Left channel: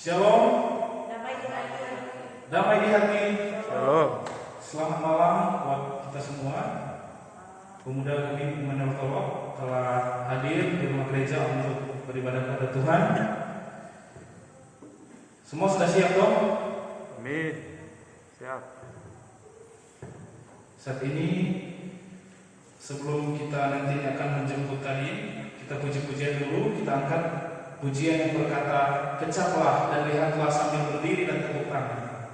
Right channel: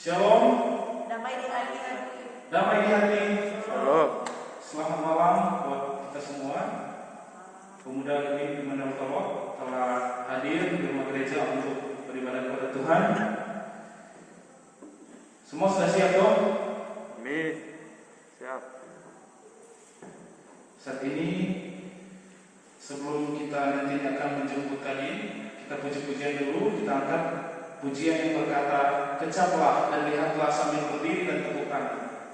Shalom. Damai di hati. Shalom. Selamat malam buat kita semua. Pemuda Gemini Menelkolok telah hadir di rumah gereja untuk beribadah kepada Tuhan. Semua sudah siap dong? Amin. Siap. Saat ini sebelum kita nanti akan menjemput tadi, kita puji-pujian dulu. Kita angkat pujian yang berkata, kecaplah dan lihatlah sambil berdiri dan tepuk tangan.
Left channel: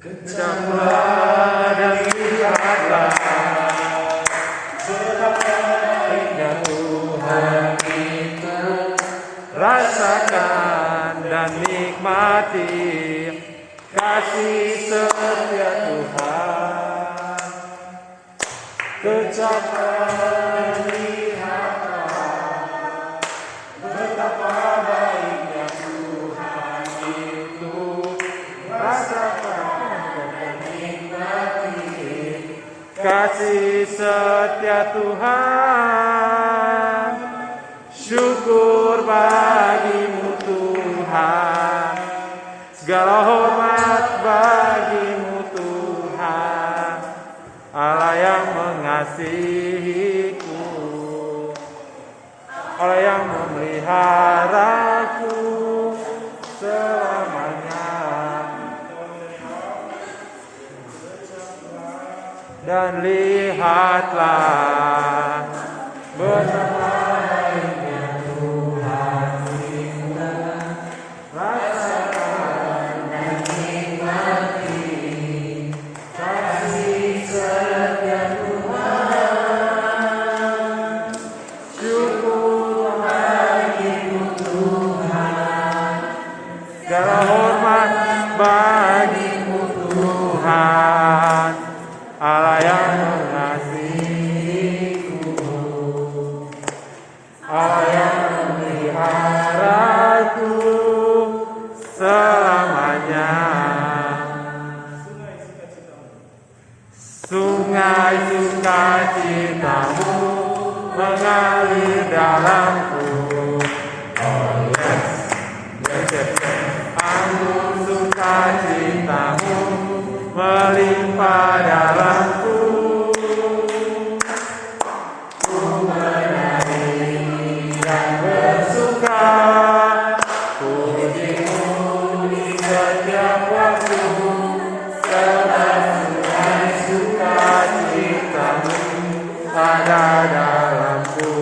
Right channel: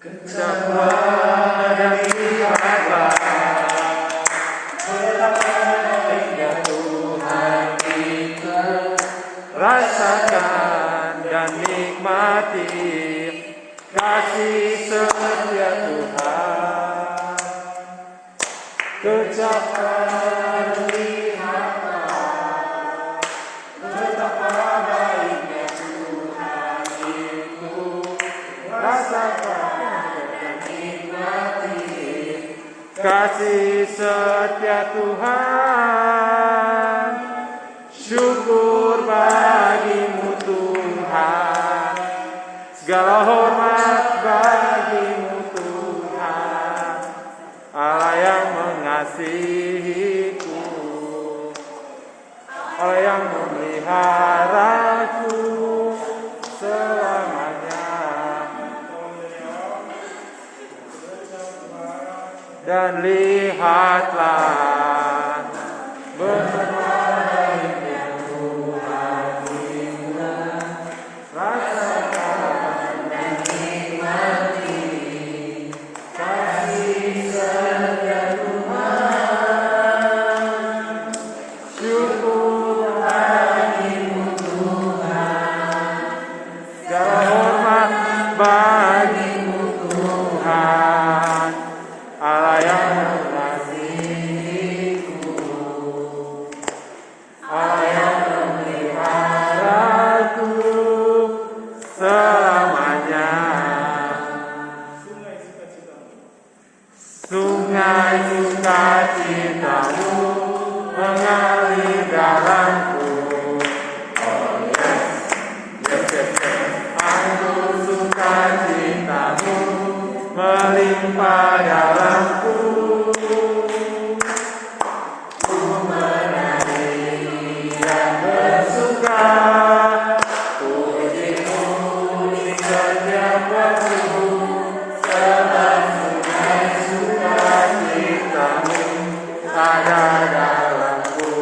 Kecaplah dan lihatlah betapa indah Tuhan itu. Rasakan dan nikmati kasih setia Tuhan. Kecaplah dan lihatlah betapa baiknya Tuhan itu. Rasakan kasih setia Tuhan. Syukur bagimu Tuhan, segala hormat bagimu Tuhan, Allah yang mengasihiku, Allah yang memeliharaku selamanya. Dan lihatlah betapa baiknya Tuhan itu. Rasakan dan nikmati kasih setia Tuhan. Syukur bagimu Tuhan, segala hormat bagimu Tuhan, Allah yang mengasihiku, Allah yang memeliharaku selamanya. Sungai sukacitamu mengalir dalamku. Oh yes, anggur sukacitamu melimpah dalamku. Ku menari dan bersuka, pujimu di setiap waktu, sebab sungai sukacitamu ada dalamku.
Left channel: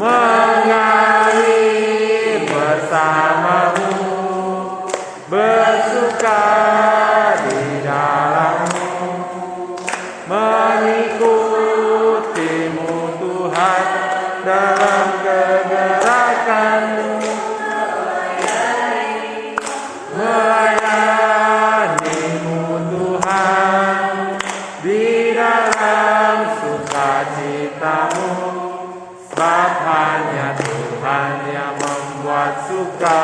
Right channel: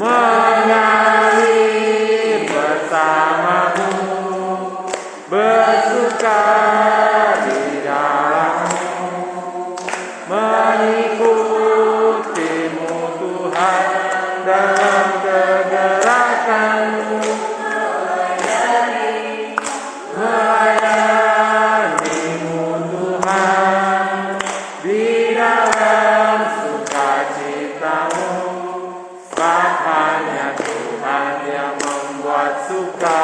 Mengalir bersamamu, bersuka di dalammu, mengikutimu Tuhan dalam kegerakanmu, melayanimu Tuhan di dalam sukacitamu, sebab hanya Tuhan yang membuat suka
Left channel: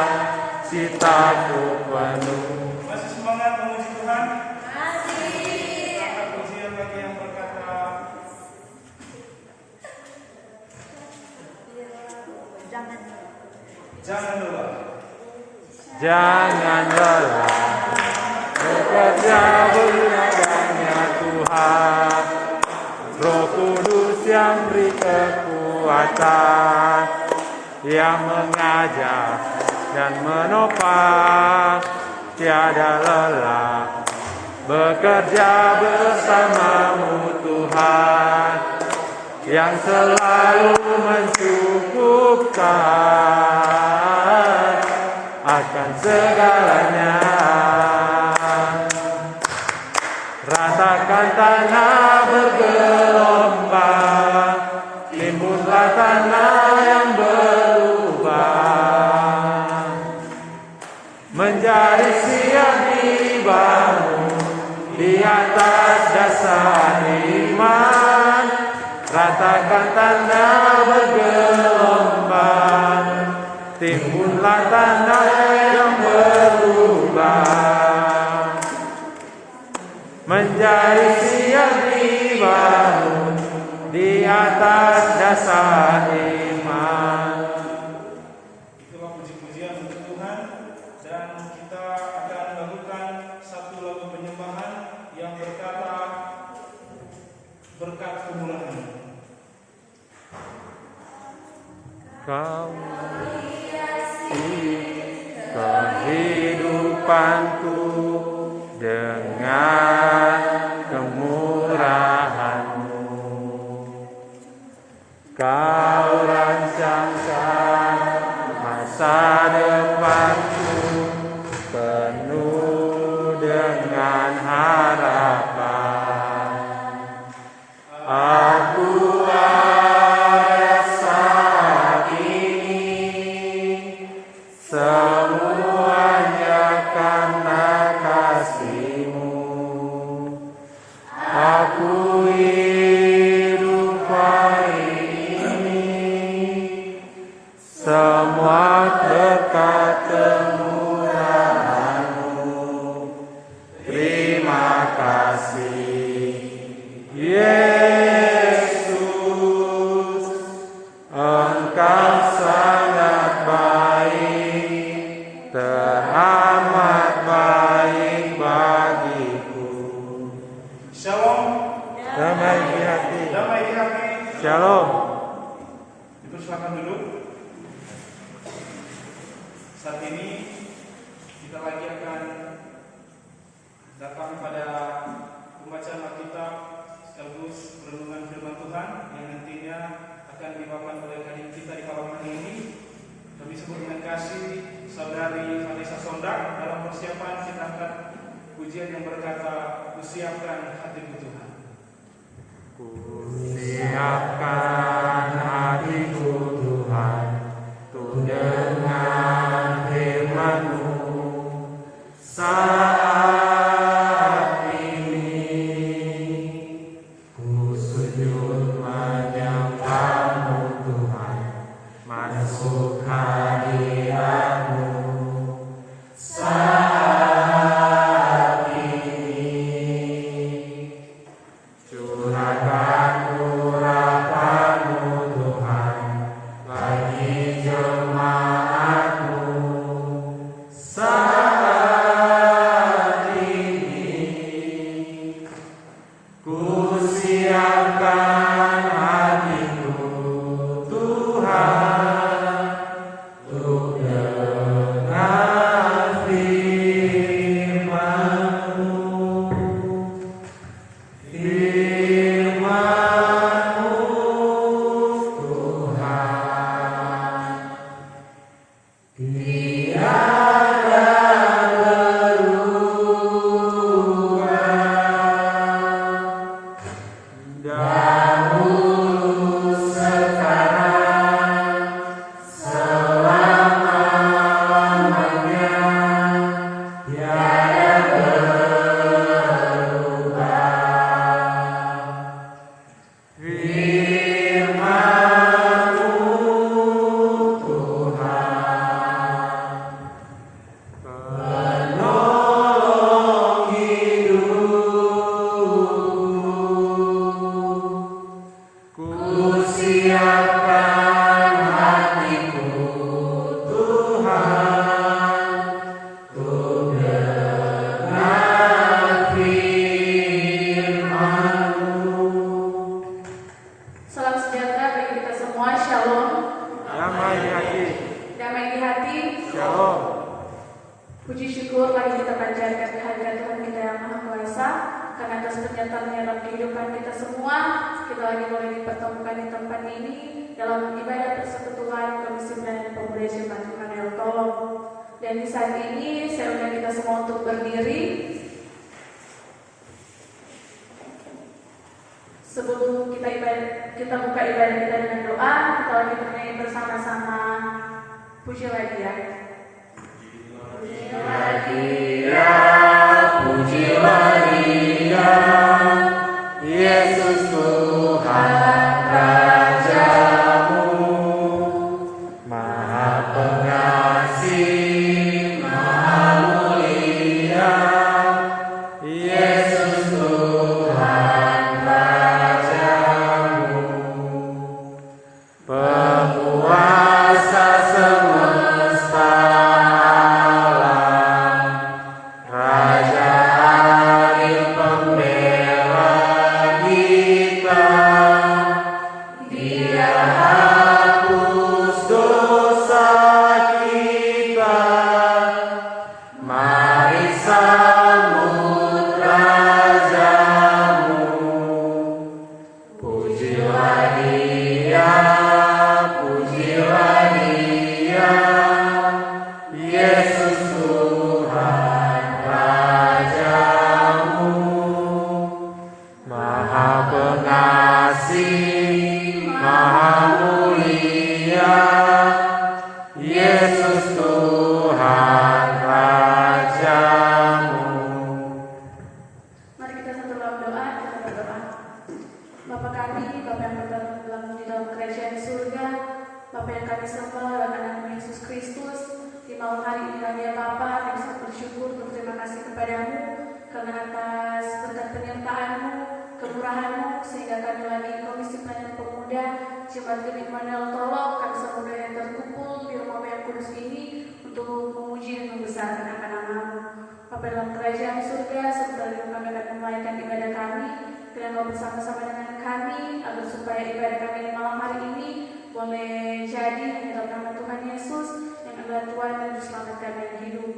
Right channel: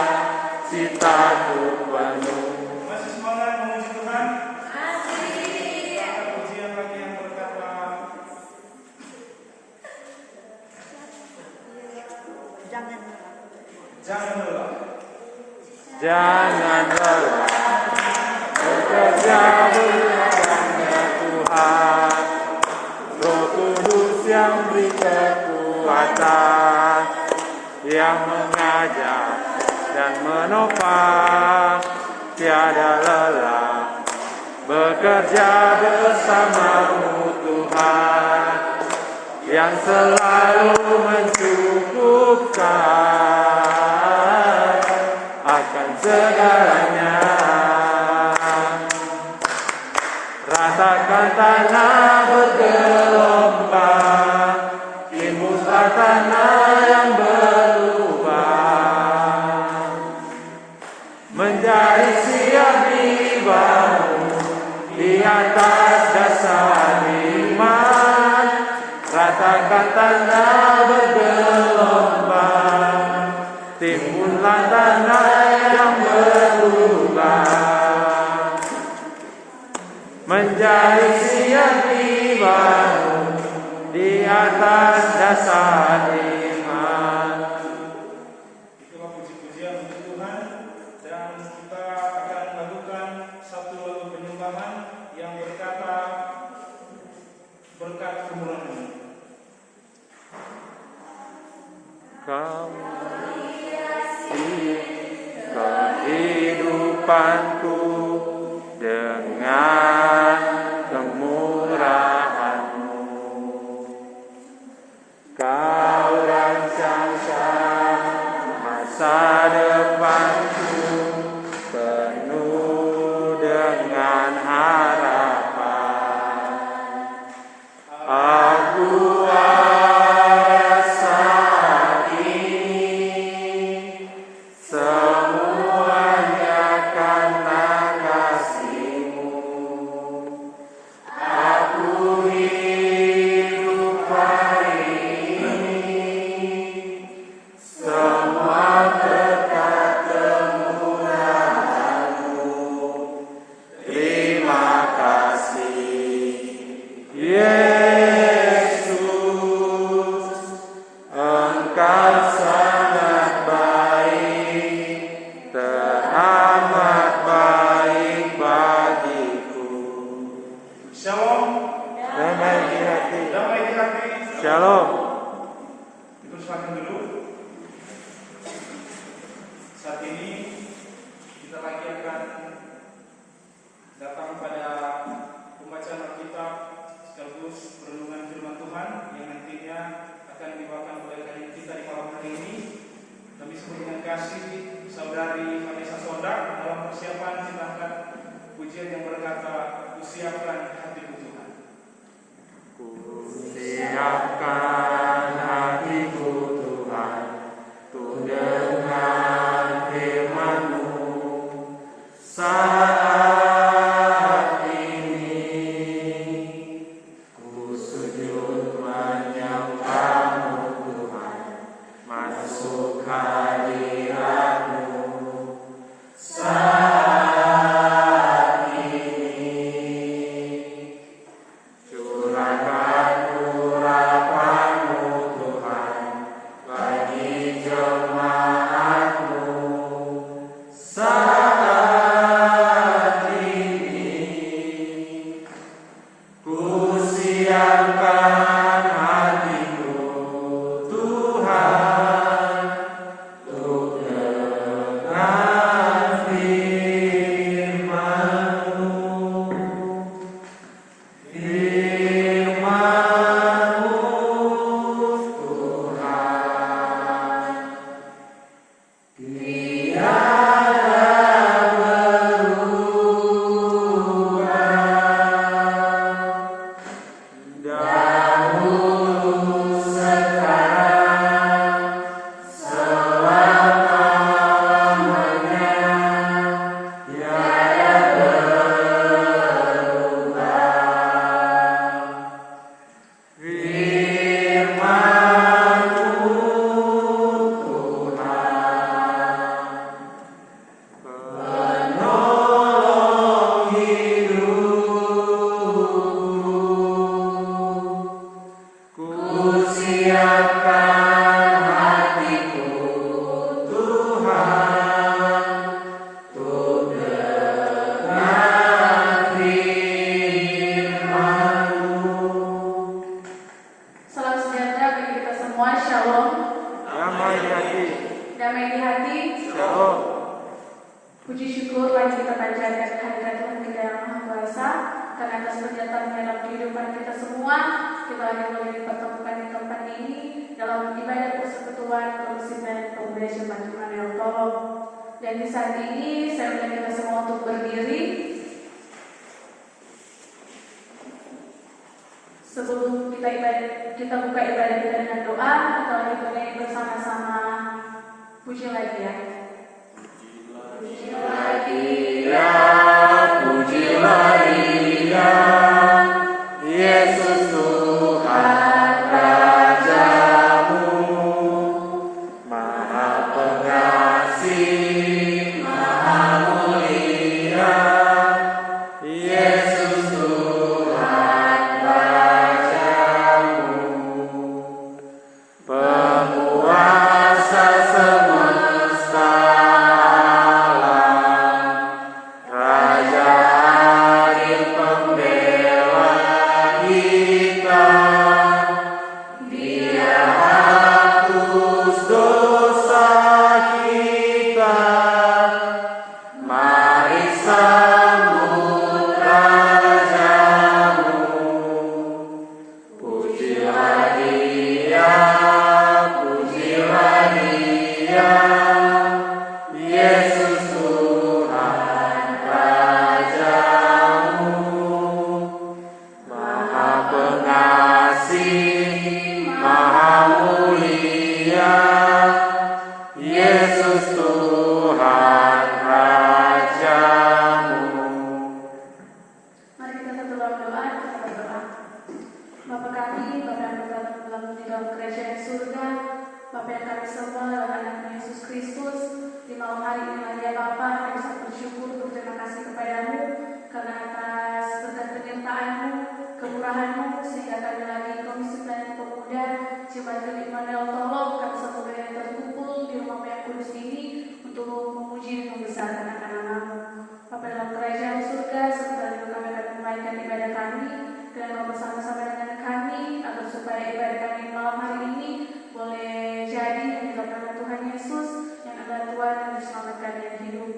citaku penuh. Masih semangat memuji Tuhan? Masih. Kita angkat pujian lagi yang berkata, jangan lelah. Jangan lelah bekerja beribadahnya Tuhan. Roh Kudus yang beri kekuatan, yang mengajar dan menopang, tiada lelah bekerja bersamamu Tuhan, yang selalu mencukupkan akan segalanya. Ratakan tanah bergelombang, timbullah tanah yang berlubang, menjadi siap dibangun di atas dasar iman. Ratakan tanah bergelombang, timbullah tanah yang berlubang, menjadi siap dibangun di atas dasar iman. Kau kehidupanku dengan kemurahan-Mu. Kau rancangkan masa depanku penuh dengan harapan. Aku saat ini semuanya karena kasih-Mu. Aku hidup hari ini semua berkat kemurahan-Mu. Terima kasih, Yesus, Engkau sangat baik, teramat baik bagiku. Shalom. Damai di hati. Damai di hati. Shalom. Dipersilakan dulu. Saat ini kita lagi akan datang pada pembacaan Alkitab sekaligus renungan firman Tuhan yang nantinya akan dibawakan oleh kajian kita di malam hari ini. Kami sebut dengan kasih saudari Vanessa Sondak dalam persiapan kita angkat pujian yang berkata, "Kusiapkan hatiku Tuhan." Kusiapkan hatiku Tuhan, untuk dengan firman-Mu. Saat ini ku sujud menyembah-Mu Tuhan, masuk hadirat-Mu. Saat ini curahkan urapan-Mu Tuhan bagi jemaat-Mu. Saat ini ku siapkan hatiku Tuhan, untuk dengan firman-Mu. Firman-Mu Tuhan, tiada berubah, dahulu sekarang selama-lamanya, tiada berubah. Firman-Mu Tuhan, penolong hidupku. Ku siapkan hatiku Tuhan, untuk dengan firman-Mu. Salam sejahtera bagi kita semua, Shalom. Damai di hati. Damai di hati. Shalom. Puji syukur mari kita panjatkan kehadirat Tuhan kita yang Maha Kuasa, karena atas penyertaan dalam kehidupan kita semua. Kita lagi boleh dipertemukan di tempat ini dalam ibadah persekutuan Komisi dan Pemuda Jemaat Tuhan yang Tolong. Dan di saat ini saya undang kita semua untuk berdiri. Sebelum kita buka ibadah kita dengan doa, kita lagi bernyanyi bersama-sama puji lagi ya. Pujilah Dia, Pujilah Dia, Yesus Tuhan Raja-Mu, Maha Pengasih, Maha Mulia. Yesus Tuhan Raja-Mu, penguasa semesta alam, Raja adil pembela kita. Dia hapus dosa berkat-Mu, sehingga kami lagi Komisi Pelayanan Pemuda Jemaat Genik Model Tolong kami sepenuhnya yang terkumpul di rumah yang kudus ini untuk memuji dan membesarkan akan nama-Mu. Bapa dalam kerajaan surga, sebentar kami akan menaikkan ibadah kami, dan Kau bersama-sama dengan kami, agar supaya ibadah kami di malam hari ini boleh jadi dalam nama Tuhan Yesus yang adalah Tuhan dan diselamatkan yang hidup.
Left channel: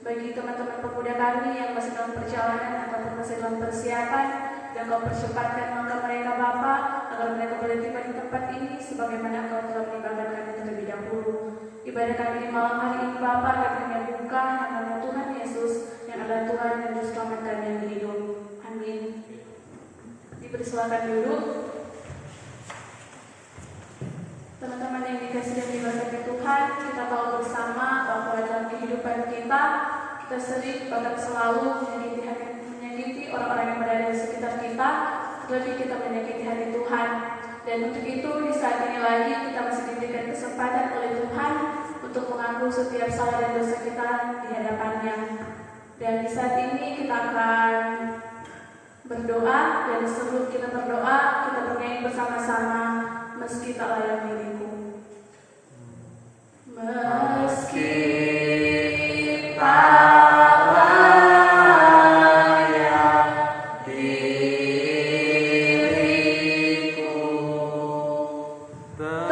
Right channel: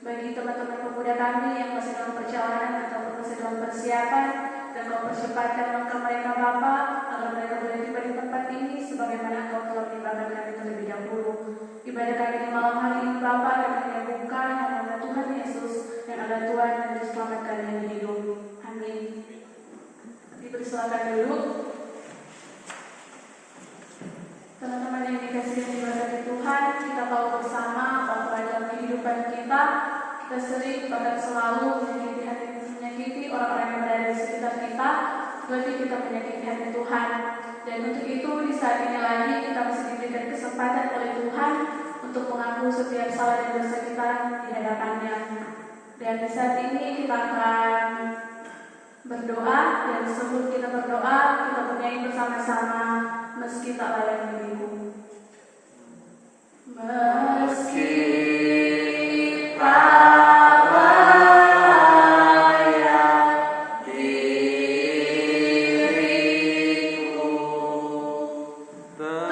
Bagi teman-teman pemuda kami yang masih dalam perjalanan ataupun masih dalam persiapan, dan Kau percepatkan langkah mereka Bapa, agar mereka boleh tiba di tempat ini sebagaimana Kau telah mengibarkan kami terlebih dahulu. Ibadah kami di malam hari ini Bapa, kami menyambungkan nama Tuhan Yesus yang adalah Tuhan dan diselamatkan yang hidup. Amin. Dipersilakan duduk. Teman-teman yang dikasihi dan diberkati Tuhan, kita tahu bersama bahwa dalam kehidupan kita sering bahkan selalu menyakiti orang-orang yang berada di sekitar kita, terlebih kita menyakiti hati Tuhan. Dan untuk itu di saat ini lagi kita masih diberikan kesempatan oleh Tuhan untuk mengaku setiap salah dan dosa kita di hadapannya. Dan di saat ini kita akan berdoa, dan sebelum kita berdoa kita bernyanyi bersama-sama Meski Tak Layak Diriku. Meski tak layak diriku, tetapi karena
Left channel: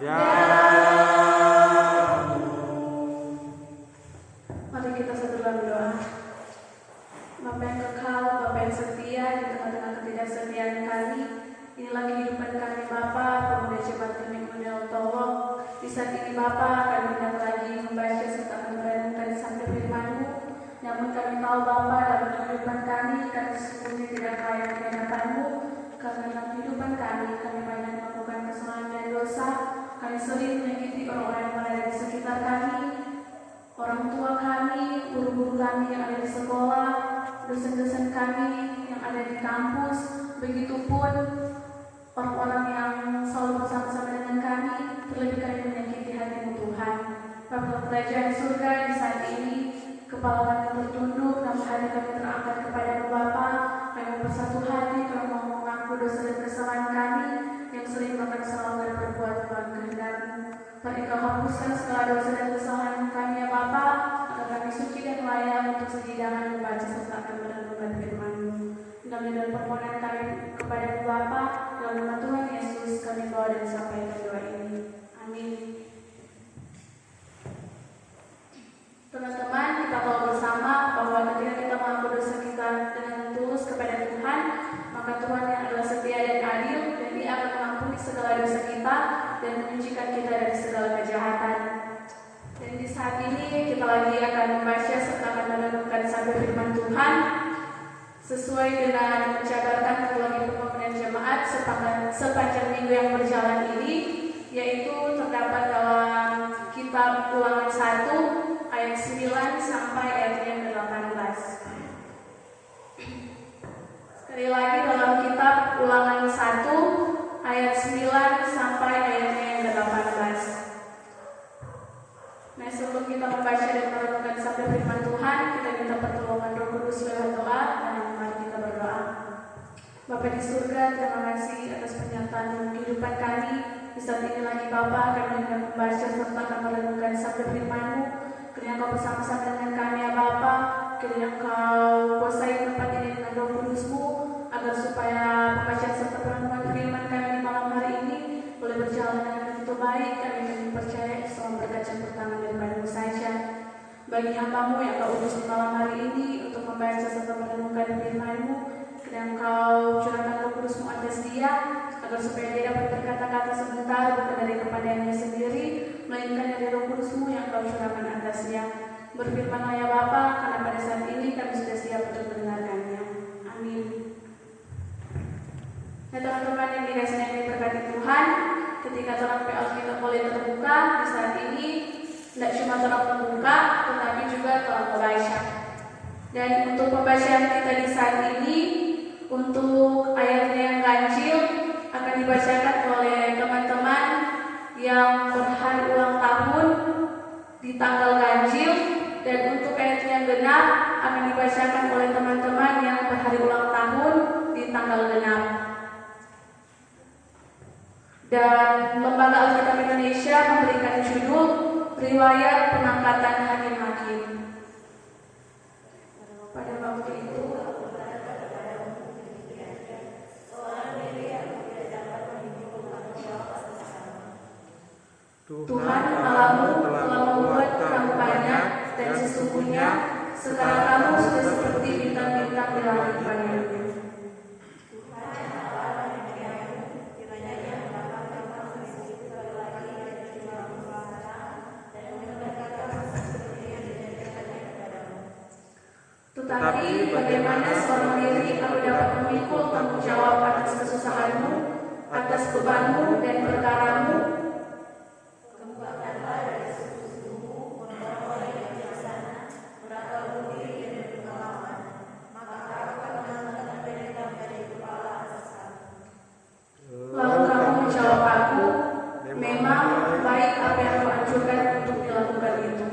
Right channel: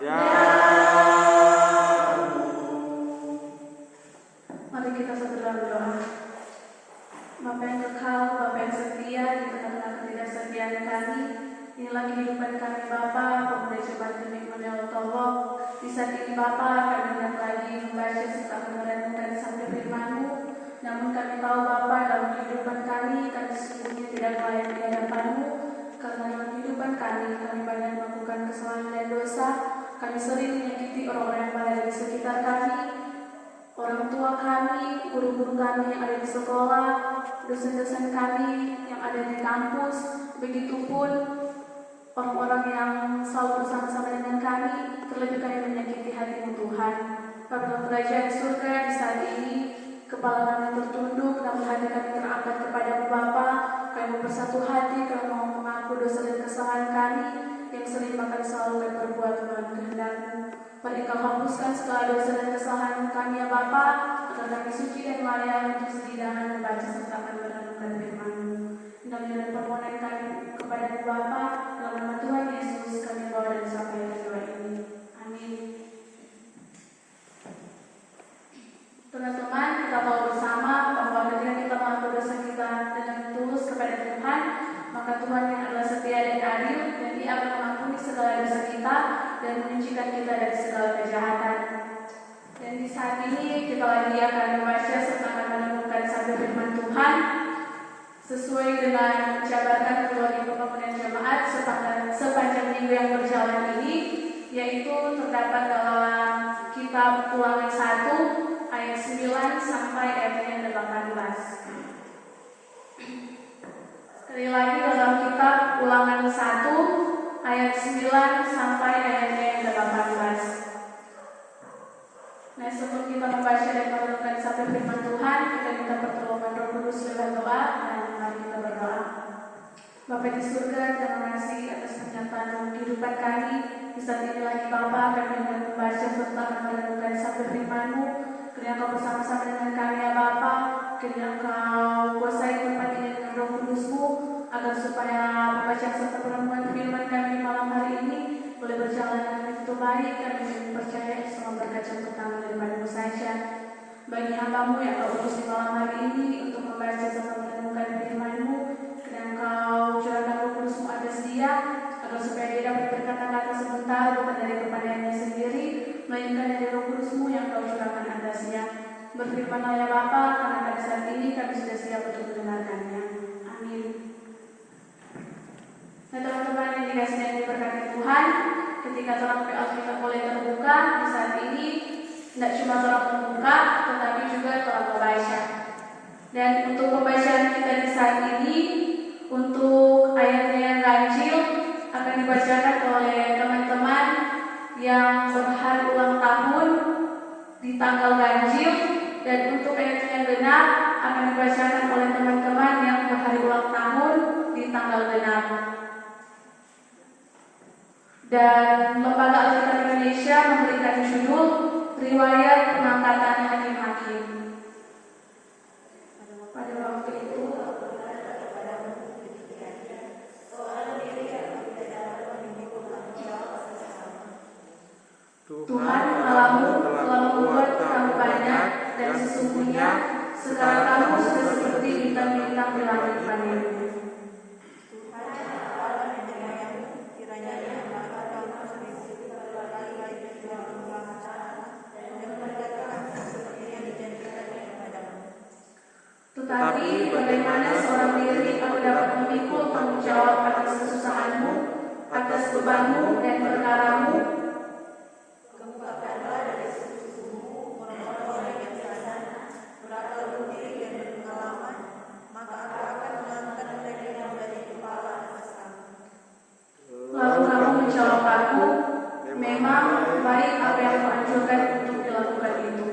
daramu dan mari kita segera berdoa. Bapa yang kekal, Bapa yang setia di tengah-tengah ketidaksetiaan kami, inilah kehidupan kami Bapa, pemuda Jemaat Genik Model Tolong. Di saat ini Bapa, kami hendak lagi membaca serta merenungkan sabda firman-Mu. Namun kami tahu Bapa, dalam kehidupan kami sesungguhnya tidak layak di hadapan-Mu, karena dalam kehidupan kami banyak melakukan kesalahan dan dosa. Kami sering menyakiti orang-orang yang berada di sekitar kami, orang tua kami, guru-guru kami yang ada di sekolah, dosen-dosen kami yang ada di kampus, begitupun orang-orang yang selalu bersama-sama dengan kami, terlebih kami menyakiti hati-Mu Tuhan. Bapa kerajaan surga, di saat ini kepala kami tertunduk, namun hati kami terangkat kepada-Mu Bapa. Kami bersatu hati, kami mau mengaku dosa dan kesalahan kami yang sering bahkan selalu berbuat melawan kehendak-Mu. Mari Kau hapuskan segala dosa dan kesalahan kami ya Bapa, agar kami suci dan layak untuk sejidangan membaca serta akan merenungkan firman-Mu. Dan permohonan kami kepada Bapa, dalam nama Tuhan Yesus kami doa dan sampaikan doa ini. Amin. Teman-teman, kita tahu bersama bahwa ketika kita mengaku dosa kita dengan tulus kepada Tuhan, maka Tuhan yang adalah setia dan adil, dan Dia akan mengampuni segala dosa kita dan menyucikan kita dari segala kejahatan. Dan di saat ini kita lagi akan membaca serta akan merenungkan sabda firman Tuhan sesuai dengan mencabarkan ketua pembangunan jemaat sepanjang minggu yang berjalan ini, yaitu terdapat dalam kitab Ulangan 1 ayat 9 sampai ayat yang 18. Sekali lagi dalam kitab Ulangan 1 ayat 9 sampai ayatnya yang 18. Nah, sebelum kita membaca dan merenungkan sabda firman Tuhan, kita minta pertolongan Roh Kudus lewat doa, dan mari kita berdoa. Bapa di surga, terima kasih atas pernyataan dalam kehidupan kami. Di saat ini lagi Bapa, kami akan membaca serta merenungkan sabda firman-Mu. Kiranya Kau bersama-sama dengan kami ya Bapa, kiranya Kau kuasai tempat ini dengan Roh Kudus-Mu, agar supaya pembacaan serta perenungan firman kami di malam hari ini boleh berjalan dengan begitu baik. Kami percaya semua berkat yang pertama daripada-Mu saja. Bagi hamba-Mu yang Kau utus di malam hari ini untuk membaca serta merenungkan firman-Mu, kiranya Kau curahkan Roh Kudus-Mu atas dia, agar supaya dia dapat berkata-kata sebentar bukan dari kepadanya sendiri, melainkan dari Roh Kudus-Mu yang Kau curahkan atasnya. Berfirmanlah ya Bapa, karena pada saat ini kami sudah siap untuk mendengarkannya. Amin. Nah teman-teman yang dikasihi dan diberkati Tuhan, ketika terang Alkitab boleh terbuka di saat ini, tidak cuma terang membuka, tetapi juga terang membaca. Dan untuk pembacaan kita di saat ini, untuk ayatnya yang ganjil akan dibacakan oleh teman-teman yang berhari ulang tahun di tanggal ganjil, dan untuk ayat yang genap akan dibacakan oleh teman-teman yang berhari ulang tahun di tanggal genap. Dan Lembaga Alkitab Indonesia memberikan judul Riwayat Pengangkatan Hakim-Hakim. Pada waktu itu Tuhan Allahmu telah membuat kamu banyak, dan sesungguhnya sekarang kamu sudah seperti bintang-bintang di langit. Tetapi bagaimana seorang diri kamu dapat memikul tanggung jawab atas kesusahanmu, atas bebanmu dan perkaramu? Lalu kamu menjawab aku, memang baik apa yang kamu anjurkan untuk dilakukan itu.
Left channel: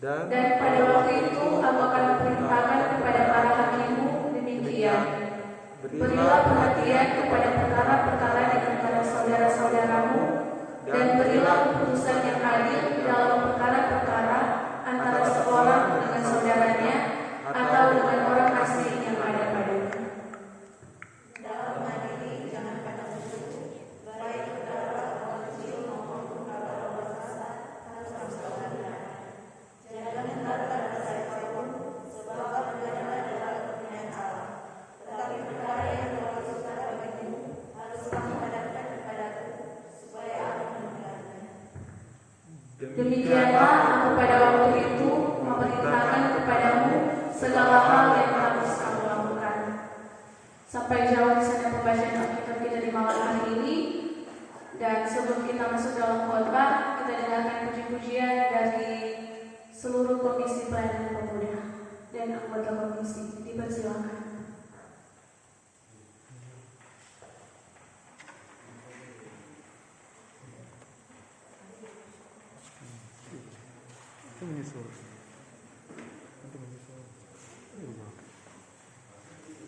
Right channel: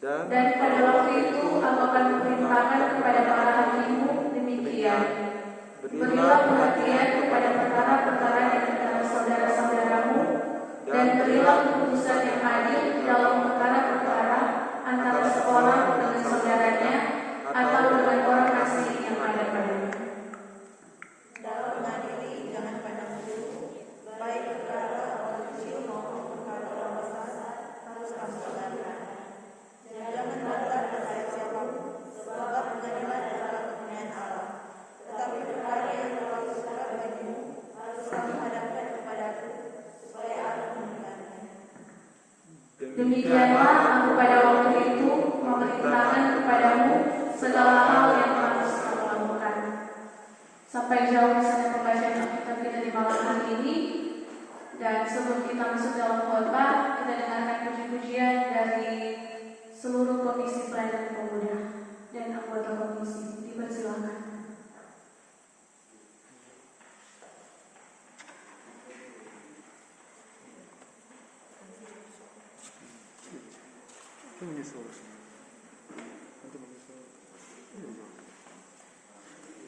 Dan pada waktu itu aku akan memerintahkan kepada para hakimmu demikian. Berilah perhatian kepada perkara-perkara di antara saudara-saudaramu, dan berilah keputusan yang adil dalam perkara-perkara antara seorang dengan saudaranya atau dengan orang asing yang ada padanya. Demikianlah aku pada waktu itu memerintahkan kepadamu segala hal yang harus kamu lakukan. Sampai jauh di sana pembacaan Alkitab kita di malam hari ini. Dan sebelum kita masuk dalam khotbah, kita dengarkan puji-pujian dari seluruh komisi pelayanan pemuda dan anggota komisi. Dipersilakan. Itu menyusul.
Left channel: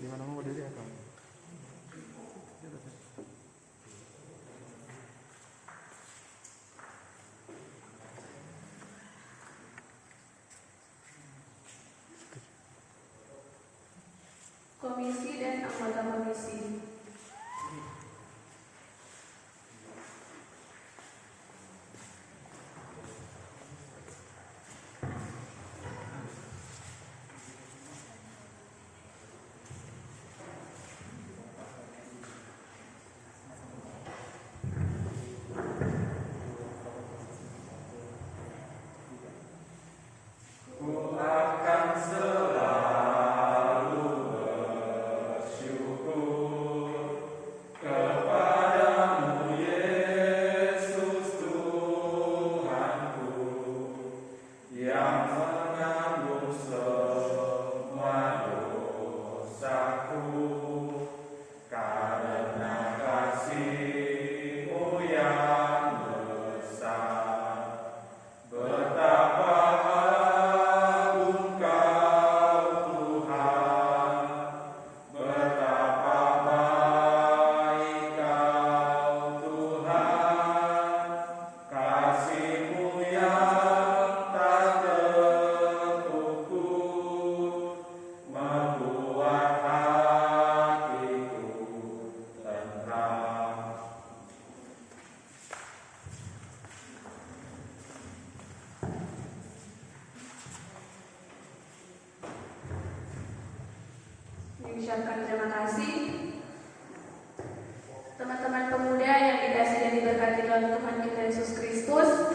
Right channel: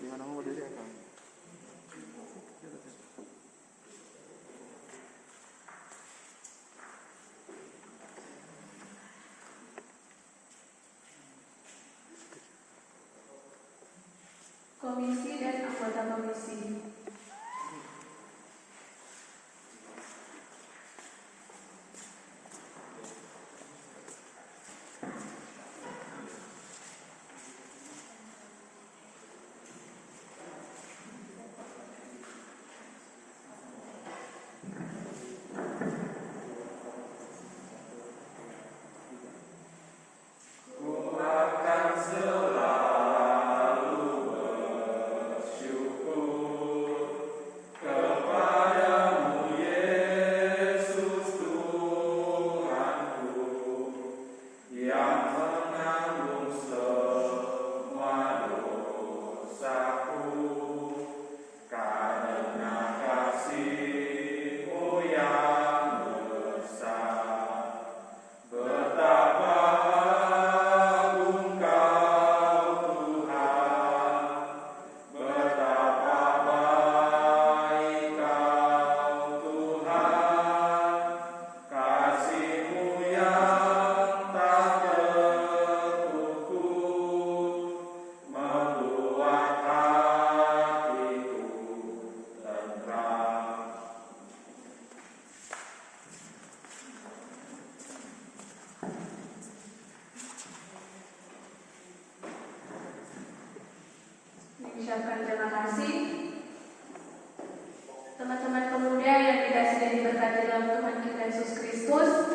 Di mana mau berdiri akan? Komisi dan anggota komisi. Akan selalu bersyukur Teman-teman pemuda yang dikasihi dan diberkati dalam Tuhan kita Yesus Kristus,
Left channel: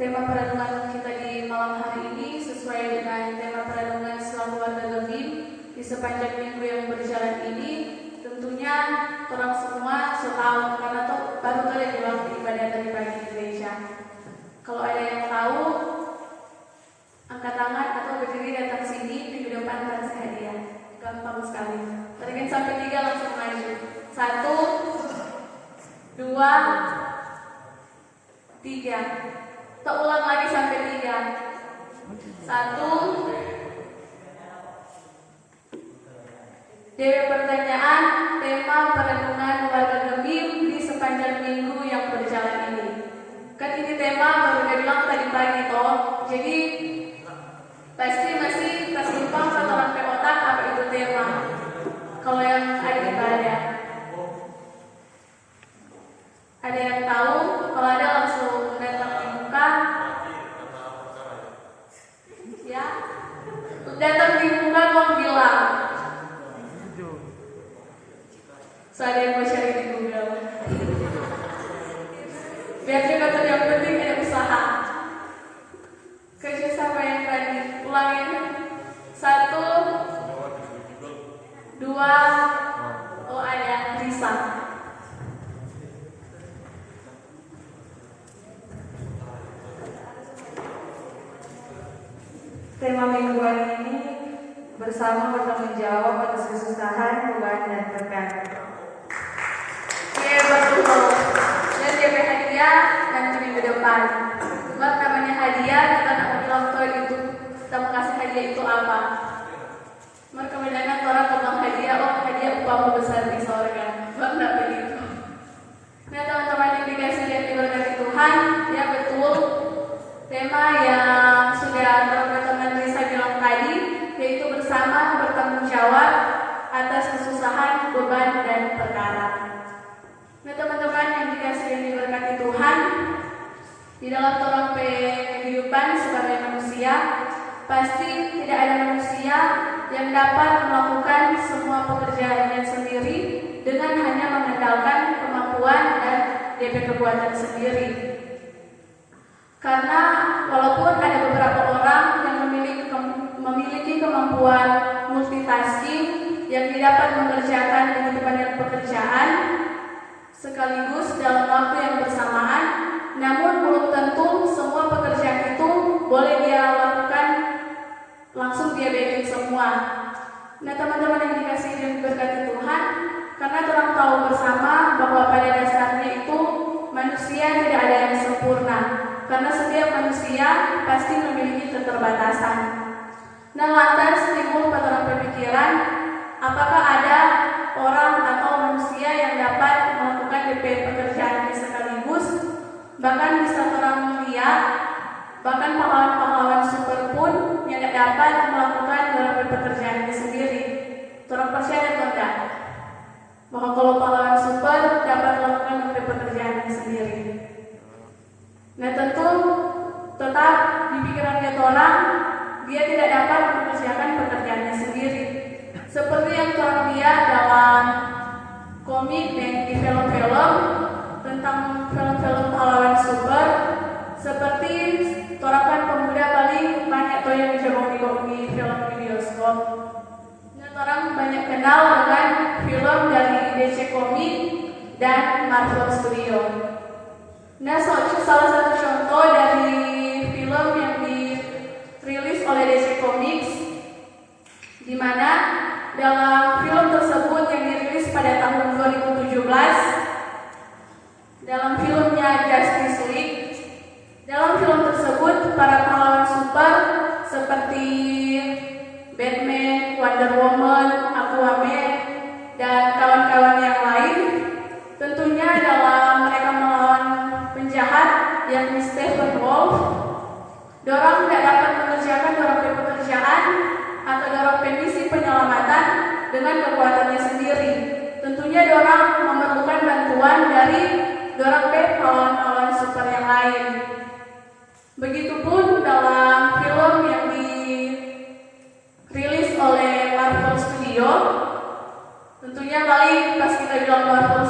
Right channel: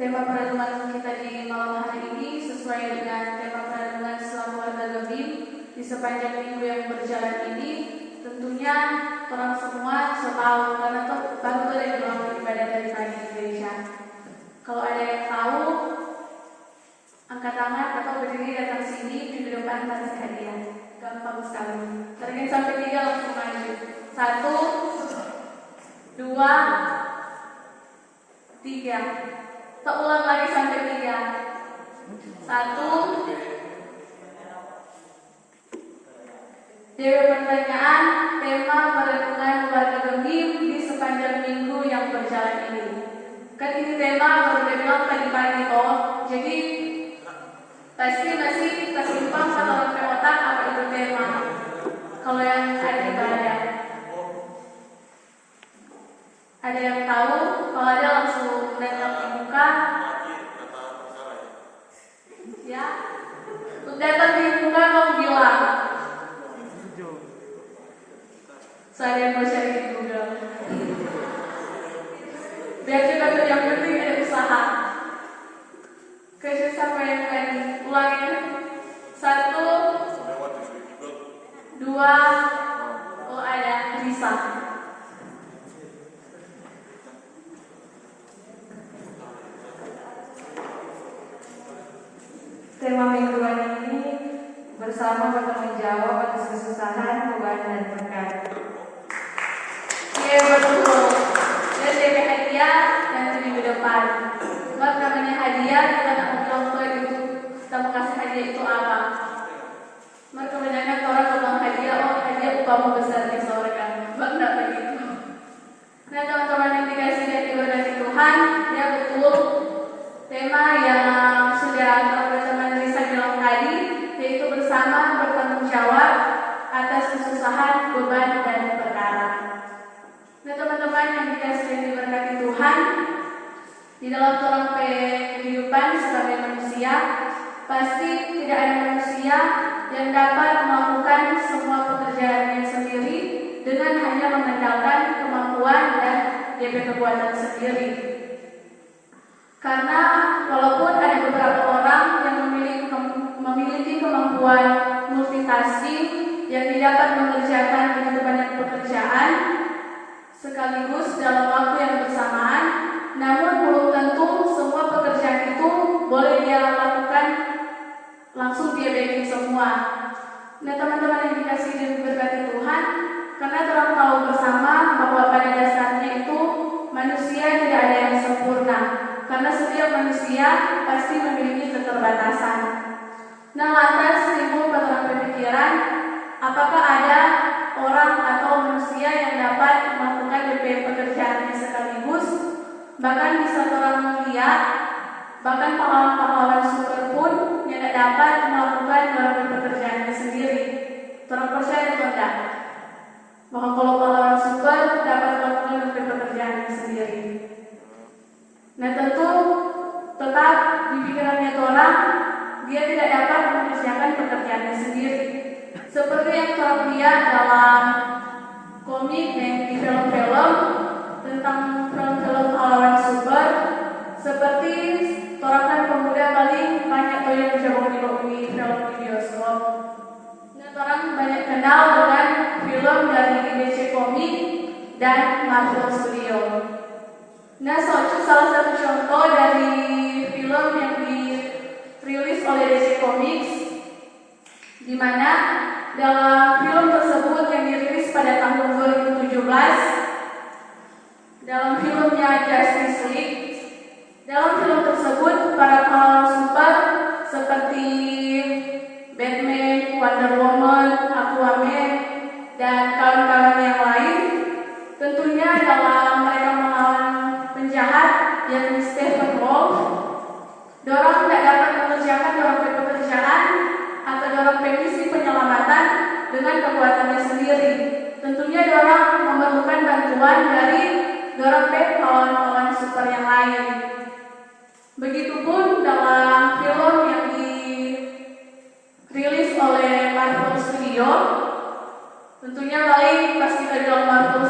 tema perenungan kita di malam hari ini sesuai dengan tema perenungan Selalu Warga Gemim di sepanjang minggu yang berjalan ini. Tentunya orang semua setahu karena baru ada yang bilang ibadah dari pagi di gereja. Kalau ada yang tahu, angkat tangan atau berdiri datang sini, minggu depan kasih hadiah. Gampang sekali. Tarik sampai 3 langsung maju. 1, 2, 3. Kita ulang lagi sampai 3. 1. Dewi pertanyaan, tema perenungan warga Gemim di sepanjang minggu yang berjalan ini. Kan ini tema baru bilang tadi pagi toh. Jadi pasti masih tersimpan pada orang otak apa itu tema. Kalau yang ada yang tahu, kalau ada langsung datang di muka. Ya, datang di muka mau bilang. Saya ada yang mau cari di Google. Biar juga tuh yang penting ada usaha. Kerja sampai yang tadi ulangin. 1, 2. Oh ada bisa. Tema mingguan ini bersama bertanggung jawab atas kesusahan, beban, dan berkat. Iya betul. Dan DP hadiah nanti minggu depan. Buat namanya hadiah, kita tak bilang tuh itu kita mau kasih hadiah itu apa. Mereka kebanyakan orang ngomong hadiah, oh hadiah upamu besar di sorga. Enggak begitu. Nah teman-teman yang dikasih dan diberkati Tuhan, ya betul. Tema yang sudah teman-teman Lisa bilang tadi, yaitu bersama bertanggung jawab atas kesusahan, beban, dan perkara. Nah teman-teman yang dikasih dan diberkati Tuhan, di dalam kehidupan sebagai manusia, pasti tidak ada manusia yang dapat melakukan semua pekerjaannya sendiri dengan hanya mengandalkan kemampuan dan DP kekuatan sendiri. Karena walaupun ada beberapa orang yang memiliki kemampuan multitasking yang dapat mengerjakan dengan banyak pekerjaan sekaligus dalam waktu yang bersamaan, namun belum tentu semua pekerjaan itu boleh dia lakukan langsung dia bikin semua. Nah teman-teman yang dikasih dan diberkati Tuhan, karena orang tahu bersama bahwa pada dasarnya itu manusia tidak ada yang sempurna, karena setiap manusia pasti memiliki keterbatasan. Nah lantas timbul pada pemikiran, apakah ada orang atau manusia yang dapat melakukan pekerjaannya sekaligus, bahkan bisa orang mulia, bahkan pahlawan-pahlawan super pun yang tidak dapat melakukan beberapa pekerjaannya sendiri. Orang percaya atau tidak? Bahwa kalau pahlawan super dapat melakukan beberapa pekerjaannya sendiri. Nah tentu tetap di pikirannya orang dia tidak dapat mengerjakan pekerjaannya sendiri. Seperti yang orang lihat dalam komik dan di film-film tentang film-film pahlawan super, seperti orang pemuda paling banyak tuh yang coba di film di bioskop. Nah orang banyak kenal dengan film dari DC Comics dan Marvel Studio. Nah salah satu contoh dari film yang dirilis oleh DC Comics, di mana dalam film tersebut yang dirilis pada tahun 2017, dalam filmnya Justice League, dalam film tersebut para pahlawan super seperti Batman, Wonder Woman, Aquaman, dan kawan-kawan yang lain, tentunya dalam mereka melawan penjahat yang Stephen Wolf, dorang tidak dapat mengerjakan dorang pekerjaan atau dorang misi penyelamatan dengan kekuatannya sendiri. Tentunya dorang memerlukan bantuan dari dorang pahlawan-pahlawan super yang lain. Begitupun dalam film yang dirilis oleh Marvel Studio, tentunya paling pas kita bilang Marvel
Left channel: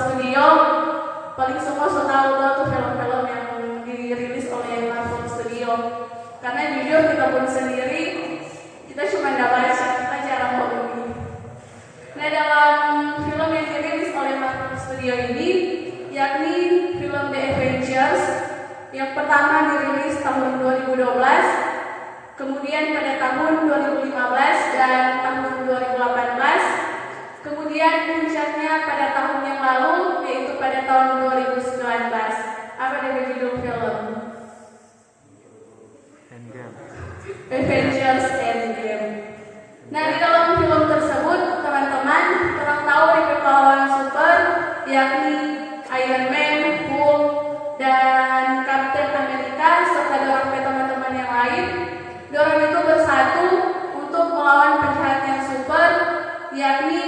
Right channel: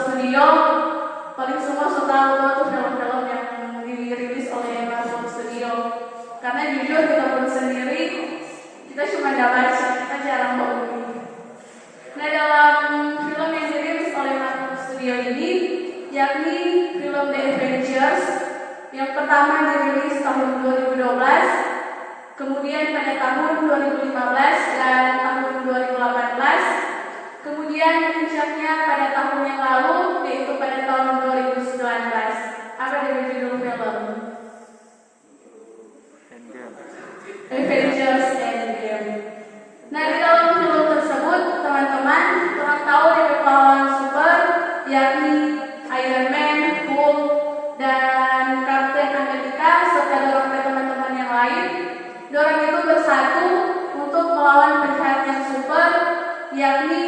Yang pertama dirilis tahun 2012, kemudian pada tahun 2015 dan tahun 2018, kemudian puncaknya pada tahun yang lalu yaitu pada tahun 2019. Apa dari judul film? Endgame. Avengers Endgame. Nah, di dalam film tersebut, teman-teman, orang tahu dari pahlawan super yakni Iron Man, Hulk, dan Captain America serta dorong teman-teman yang lain. Dorong itu bersatu untuk melawan penjahat yang super yakni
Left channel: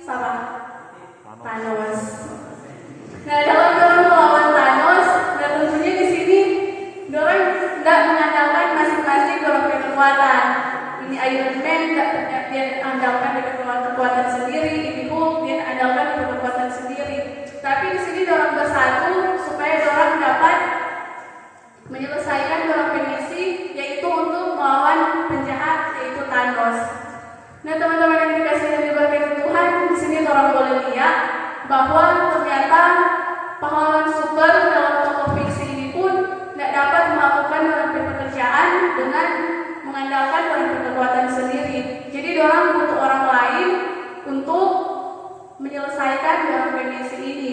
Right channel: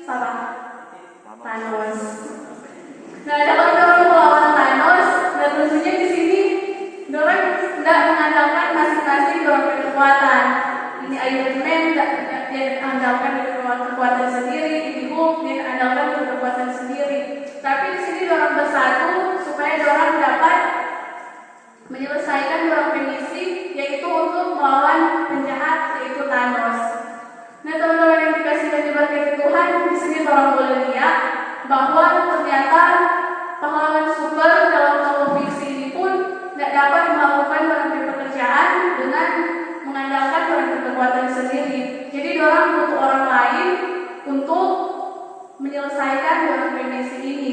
siapa? Thanos. Nah, dalam dorong melawan Thanos, dan tentunya di sini dorong tidak mengandalkan masing-masing dorong kekuatan. Ini Iron Man dia andalkan kekuatan sendiri, ini Hulk dia andalkan kekuatan sendiri. Tapi di sini dorong bersatu supaya dorong dapat menyelesaikan dorong misi yaitu untuk melawan penjahat yaitu Thanos. Nah, teman-teman yang dikasih dan diberkati Tuhan, di sini dorong boleh lihat bahwa ternyata pahlawan super dalam tokoh fiksi ini pun tidak dapat melakukan dorong pekerjaan dengan mengandalkan dorong kekuatan sendiri. Jadi dorong butuh orang lain untuk menyelesaikan dorong misi ini.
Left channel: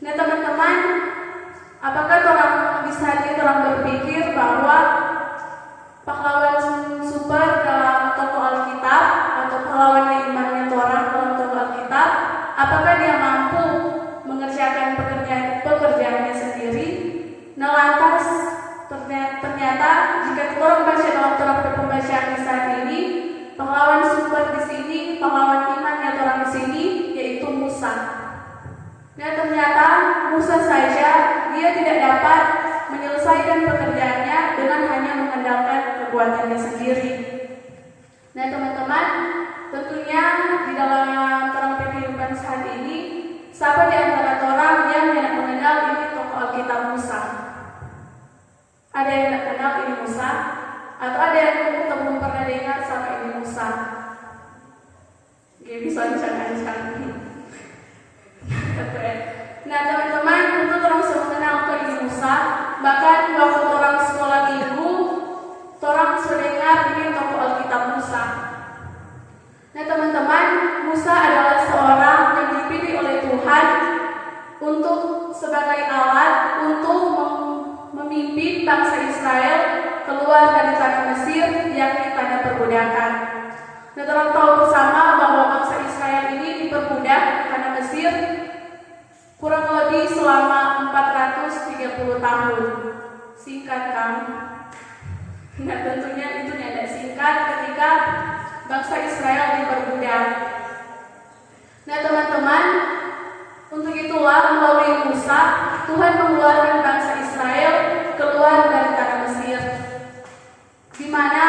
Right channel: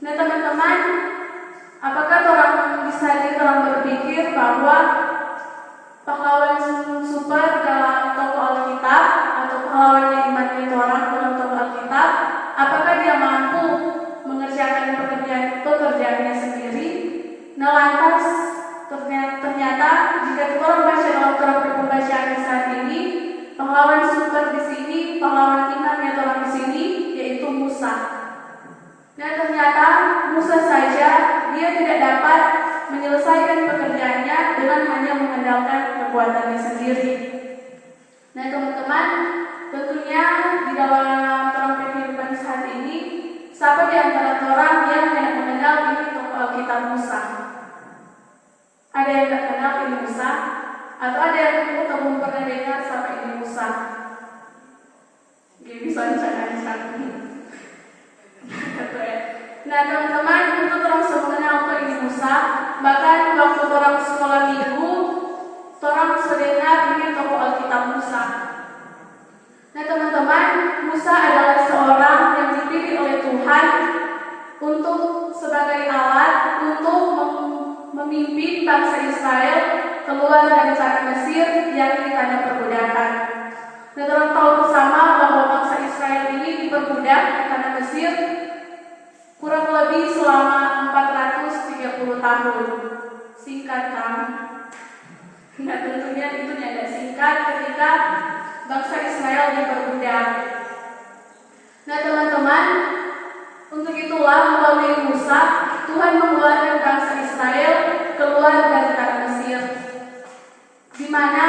Nah, teman-teman, apakah orang bisa orang berpikir bahwa pahlawan super dalam tokoh Alkitab atau pahlawan yang imannya orang dalam tokoh Alkitab, apakah dia mampu mengerjakan pekerjaannya sendiri? Nah, lantas ternyata jika orang baca dalam Torah pembacaan saat ini, pahlawan super di sini, pahlawan imannya orang di sini yaitu Musa. Nah, ternyata Musa saja dia tidak dapat menyelesaikan pekerjaannya dengan hanya mengandalkan kekuatannya sendiri. Nah, teman-teman, tentunya di dalam terang kehidupan saat ini, siapa di antara orang yang tidak mengenal ini tokoh Alkitab Musa? Ada yang tidak kenal ini Musa? Atau ada yang belum pernah dengar siapa ini Musa? Gak bisa ancang-ancang. Nah, teman-teman, untuk orang semua mengenal ini Musa, bahkan waktu orang sekolah minggu, orang mendengar ini tokoh Alkitab Musa. Nah, teman-teman, Musa adalah seorang yang dipilih oleh Tuhan untuk sebagai alat untuk memimpin bangsa Israel keluar dari tanah Mesir yang di tanah perbudakan. Nah, orang tahu bersama bahwa bangsa Israel ini diperbudak di tanah Mesir kurang lebih selama 430 tahun. Singkat kan? Nah, tentunya itu tidak singkat ketika bangsa Israel diperbudak. Nah, teman-teman, untuk itulah melalui Musa Tuhan mengeluarkan bangsa Israel keluar dari tanah Mesir, di mana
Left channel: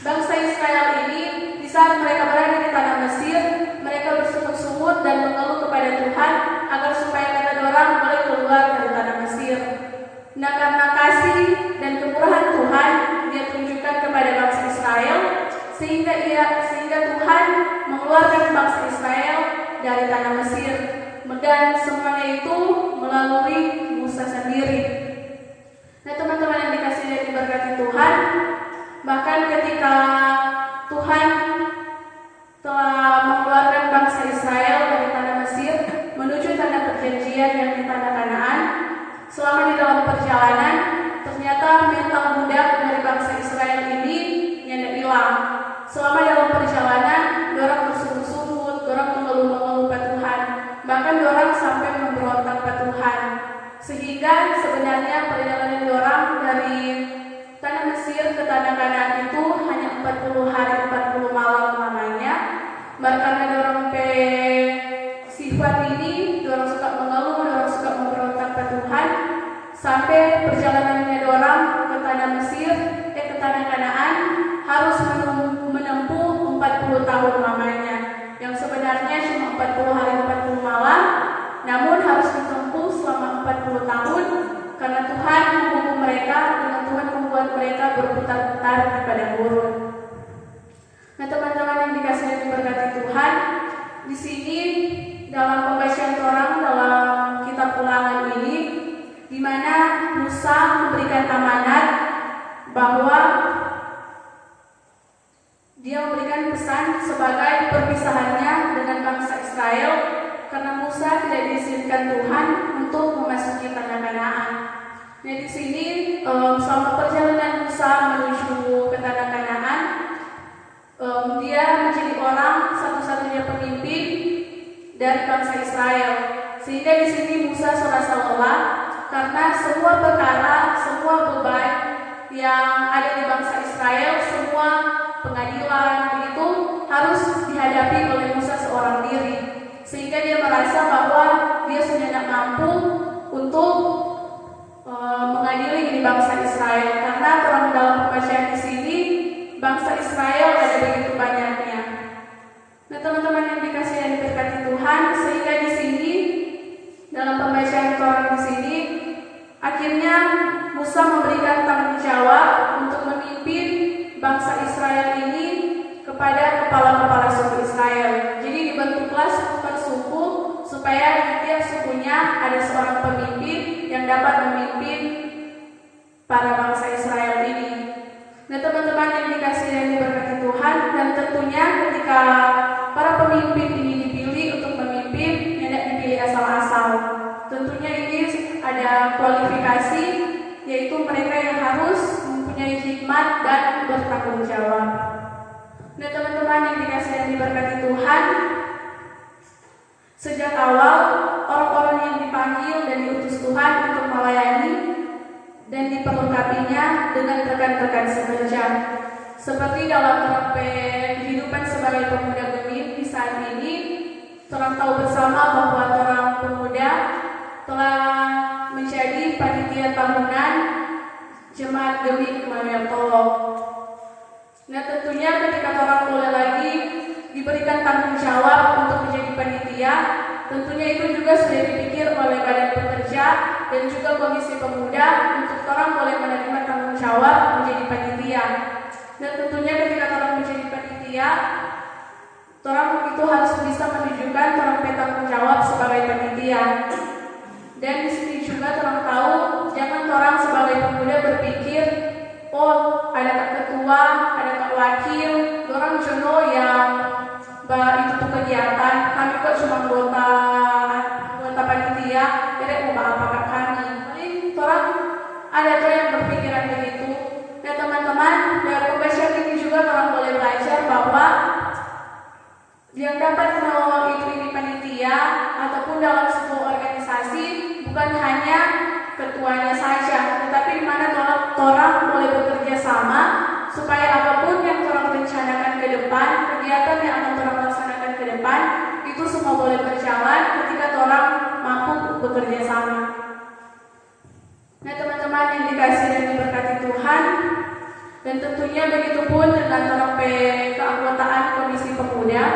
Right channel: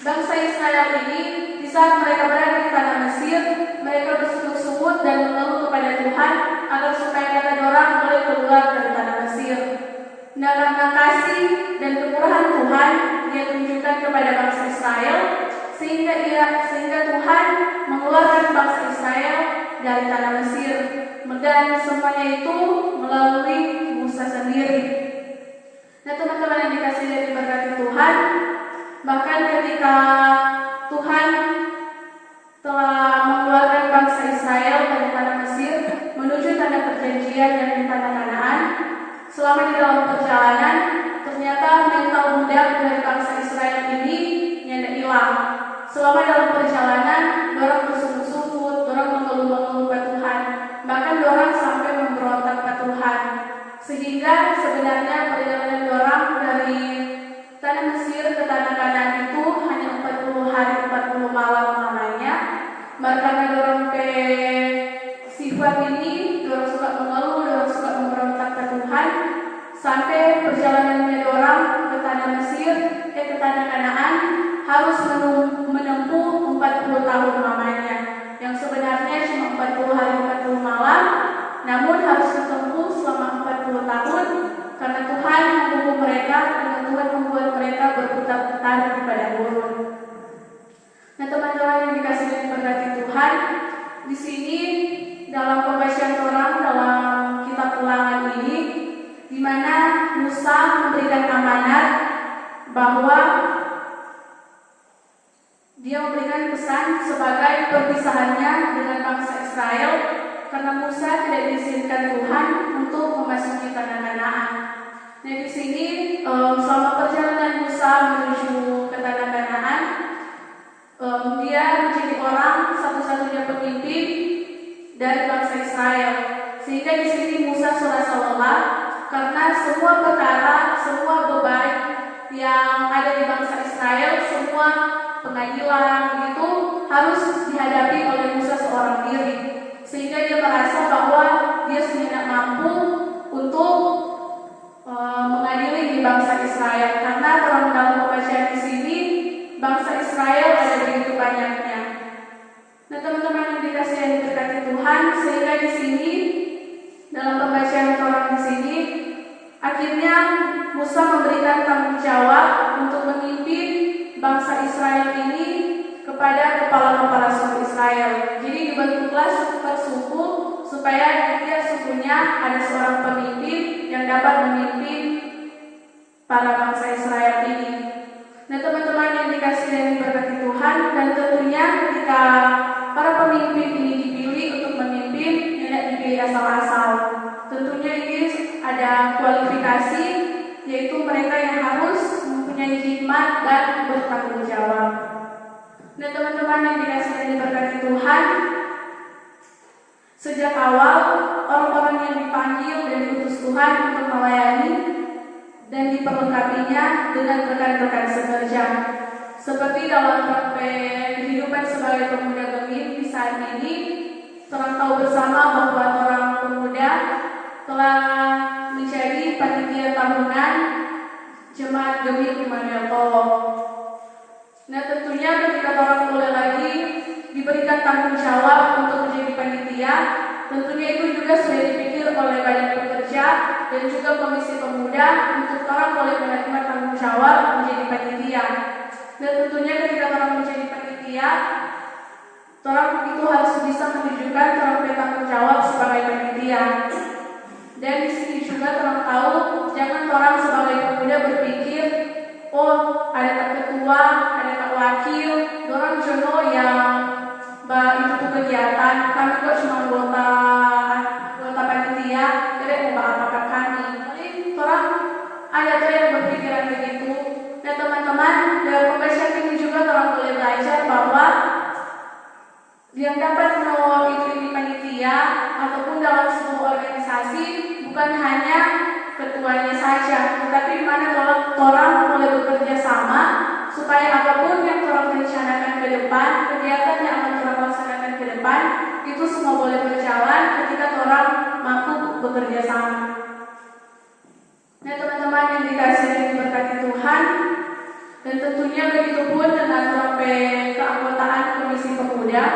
bangsa Israel ini di saat mereka berada di tanah Mesir, mereka bersungut-sungut dan mengeluh kepada Tuhan agar supaya mereka dorang boleh keluar dari tanah Mesir. Nah, karena kasih dan kemurahan Tuhan dia tunjukkan kepada bangsa Israel sehingga Tuhan mengeluarkan bangsa Israel dari tanah Mesir, dan semuanya itu melalui Musa sendiri. Nah, teman-teman yang dikasih dan diberkati Tuhan, bahkan ketika Tuhan telah mengeluarkan bangsa Israel dari tanah Mesir menuju tanah perjanjian yang di tanah Kanaan, selama di dalam perjalanan ternyata mental budak dari bangsa Israel ini yang hilang. Selama dalam perjalanan, dorang bersungut-sungut, dorang mengeluh-mengeluh pada Tuhan, bahkan dorang sampai memberontak pada Tuhan, sehingga sebenarnya perjalanan dorang dari tanah Mesir ke tanah Kanaan itu hanya 40 hari 40 malam namanya. Karena dorang sifat ini, dorang suka mengeluh, dorang suka memberontak pada Tuhan, sampai perjalanannya dorang ke tanah Mesir, ke tanah Kanaan harus menempuh 40 tahun namanya, yang sebenarnya cuma 40 hari 40 malam, namun harus ditempuh selama 40 tahun karena Tuhan menghukum mereka dengan Tuhan membuat mereka berputar-putar di padang gurun. Nah, teman-teman yang dikasih dan diberkati Tuhan, di sini dalam pembacaan orang dalam kitab Ulangan ini, di mana diizinkan Tuhan untuk memasuki tanah Kanaan. Nah, di sini selama perjalanan Musa menuju ke tanah Kanaan, dia menjadi orang satu-satunya pemimpin dari bangsa Israel. Sehingga di sini Musa serasa lelah karena semua perkara, semua beban yang ada di bangsa Israel, semua pengadilan itu harus dihadapi oleh Musa seorang diri. Sehingga dia merasa bahwa dia sudah tidak mampu untuk mengadili di bangsa Israel, karena orang dalam pembacaan di sini bangsa Israel ada begitu banyaknya. Nah, teman-teman yang dikasihi dan diberkati Tuhan, sehingga di sini dalam pembacaan orang di sini akhirnya Musa memberikan tanggung jawab untuk memimpin bangsa Israel ini kepada kepala-kepala suku Israel. Jadi dibentuklah suku per suku supaya di tiap sukunya ada seorang pemimpin yang dapat memimpin para bangsa Israel ini. Nah, teman-teman yang dikasihi dan diberkati Tuhan, dan tentunya ketika para pemimpin ini dipilih untuk memimpin, tidak dipilih asal-asal. Tentunya ini ada kualifikasi, yaitu mereka yang harus mempunyai hikmat dan bertanggung jawab. Nah, teman-teman yang dikasihi dan diberkati Tuhan, sejak awal orang-orang yang dipanggil dan diutus Tuhan untuk melayani dan diperlengkapinya dengan rekan-rekan sekerja. Seperti dalam praktek kehidupan sebagai pemuda Gemir di saat ini, orang tahu bersama bahwa orang pemuda telah menjadi panitia tahunan Jemaat Gemir Immanuel Tolong. Nah, tentunya ketika orang mulai lagi diberikan tanggung jawab untuk menjadi panitia, tentunya itu juga sudah dipikir oleh badan pekerja dan juga komisi pemuda untuk orang boleh menerima tanggung jawab menjadi panitia. Dan tentunya ketika orang menjadi panitia, orang itu harus bisa menunjukkan trompet tanggung jawab sebagai panitia. Dan di sini juga orang tahu, jangan orang sebagai pemuda berpikir, oh ada ketua, ada wakil, orang jenuh yang itu tuh kegiatan, kami kok cuma anggota panitia, tidak mau apa-apa kami. Paling orang ada tuh yang berpikiran begitu. Nah, teman-teman, dalam pembacaan ini juga orang boleh belajar bahwa yang dapat mewakili panitia ataupun dalam sebuah organisasi bukan hanya ketuanya saja, tetapi di mana orang boleh bekerja sama supaya apapun yang orang rencanakan ke depan, kegiatan yang akan orang laksanakan ke depan, itu semua boleh berjalan ketika orang mampu bekerja sama. Nah, teman-teman yang dikasihi dan diberkati Tuhan, dan tentunya begitu pun dengan trompet keanggotaan Komisi Pemuda.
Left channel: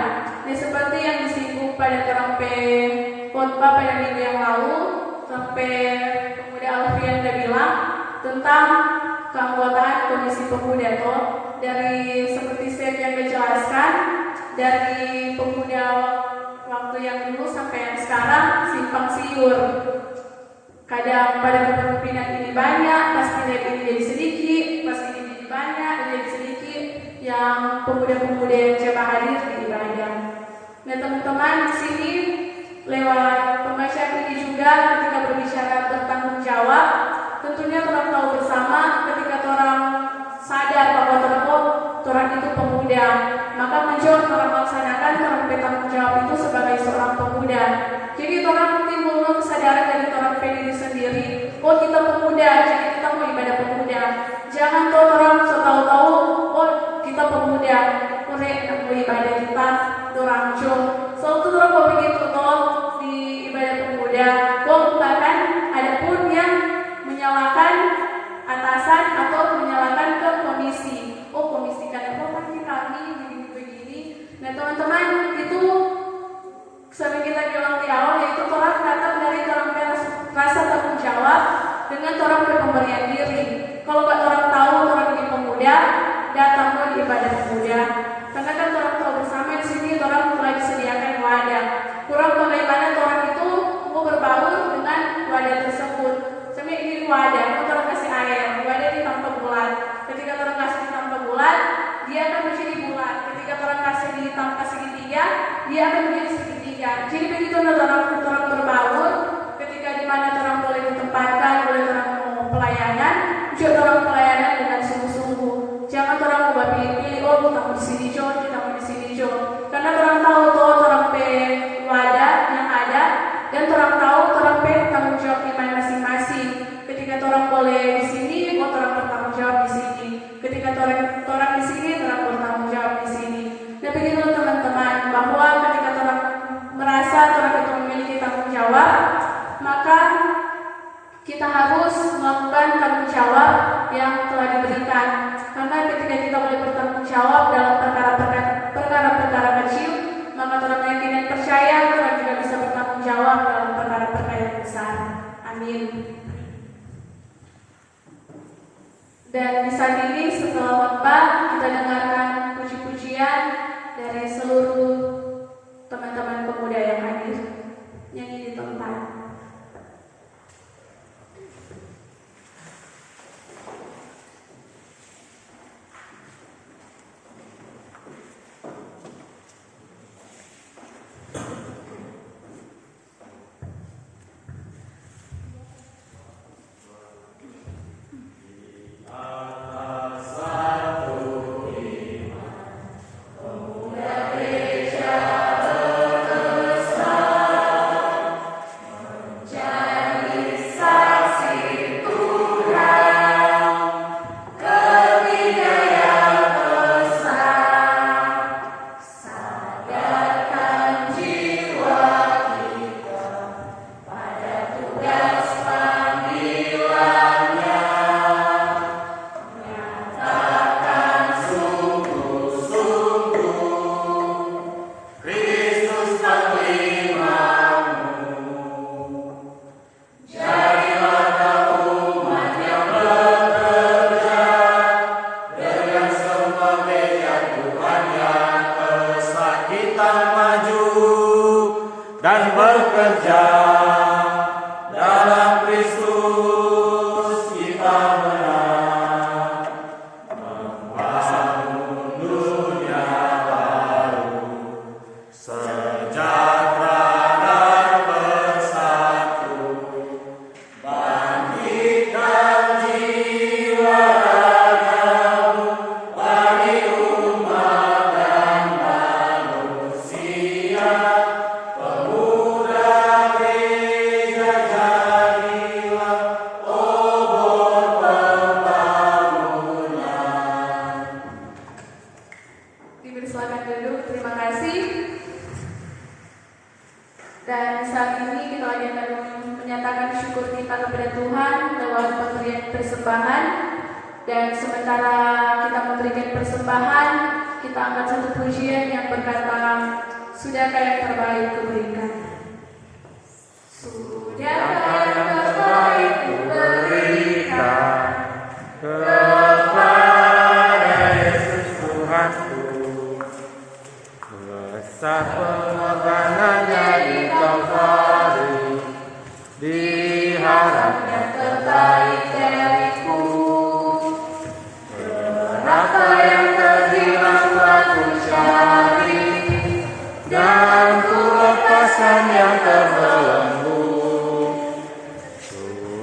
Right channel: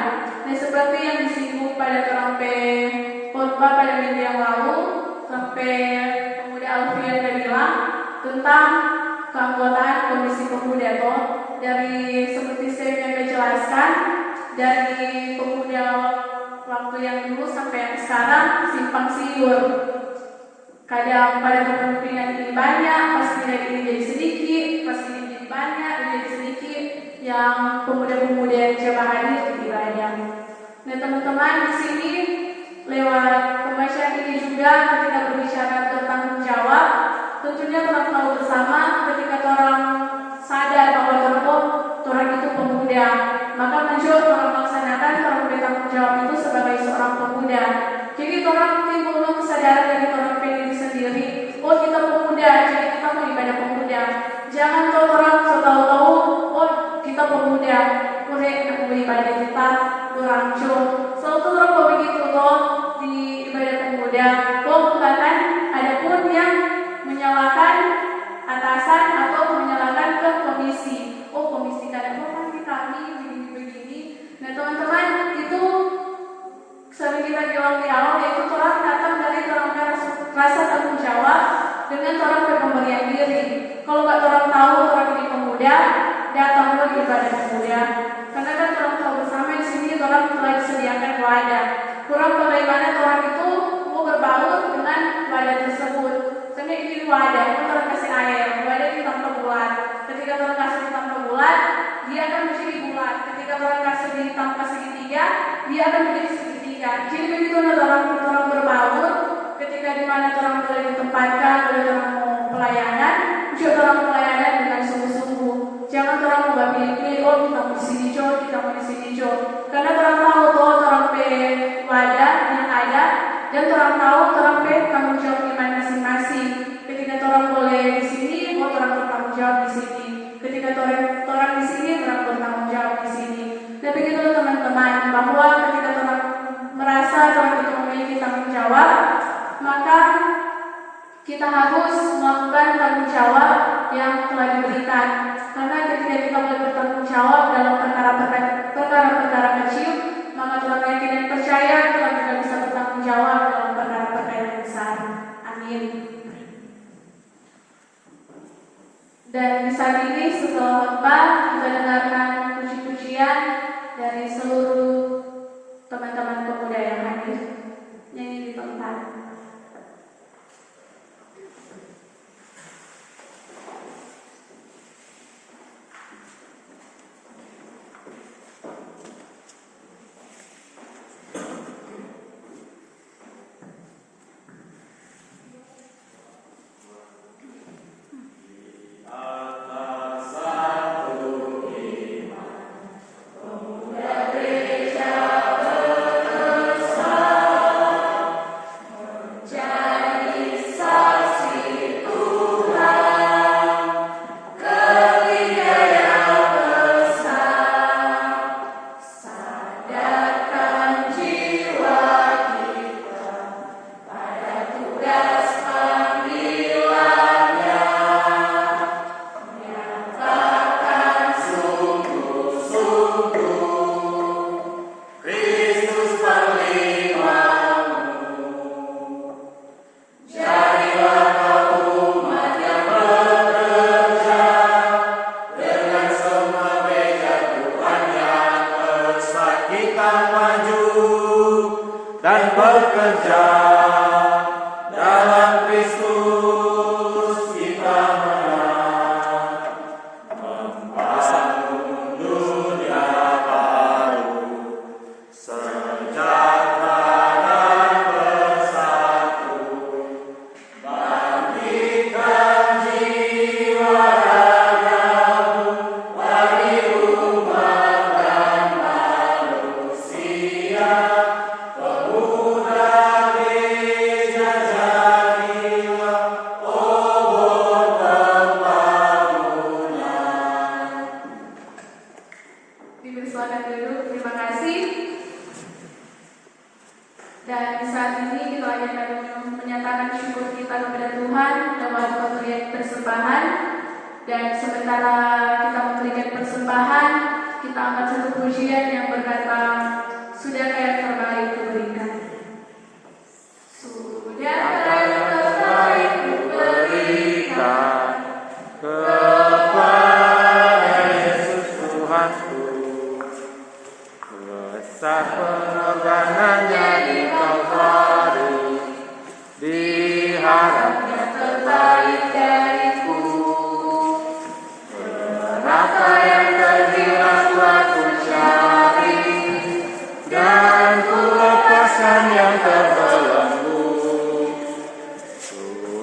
Dan seperti yang disinggung pada trompet khotbah pada minggu yang lalu, trompet Pemuda Alfian sudah bilang tentang keanggotaan Komisi Pemuda toh, dari seperti saya yang jelaskan, dari pemuda waktu yang dulu sampai yang sekarang simpang siur. Kadang pada kepemimpinan ini banyak, pas tidak ini jadi sedikit, pas ini jadi banyak, jadi sedikit, yang pemuda-pemuda yang coba hadir jadi banyak. Nah, teman-teman, di sini lewat pembacaan ini juga ketika berbicara bertanggung jawab, tentunya orang tahu bersama ketika orang sadar bahwa orang itu pemuda, maka menjawab orang melaksanakan orang bertanggung jawab itu sebagai seorang pemuda. Jadi orang timbul kesadaran dari orang diri sendiri, oh kita pemuda, jadi kita mau ibadah pemuda. Jangan orang setahu-tahu, oh kita pemuda, orang beribadah kita orang jauh. Selalu orang begitu loh di ibadah pemuda. Bahkan ada pun yang menyalahkan atasan atau menyalahkan ke komisi. Oh komisi kadang nanti kami begini-begini. Nah, teman-teman, itu sering kita bilang di awal, yaitu orang datang dari orang rasa tanggung jawab dengan orang pemberian diri. Kalau nggak orang tahu orang ini pemuda, datang ke ibadah pemuda. Karena kan orang tahu bersama di sini orang telah disediakan wadah. hadir. Nyanyi di tempat.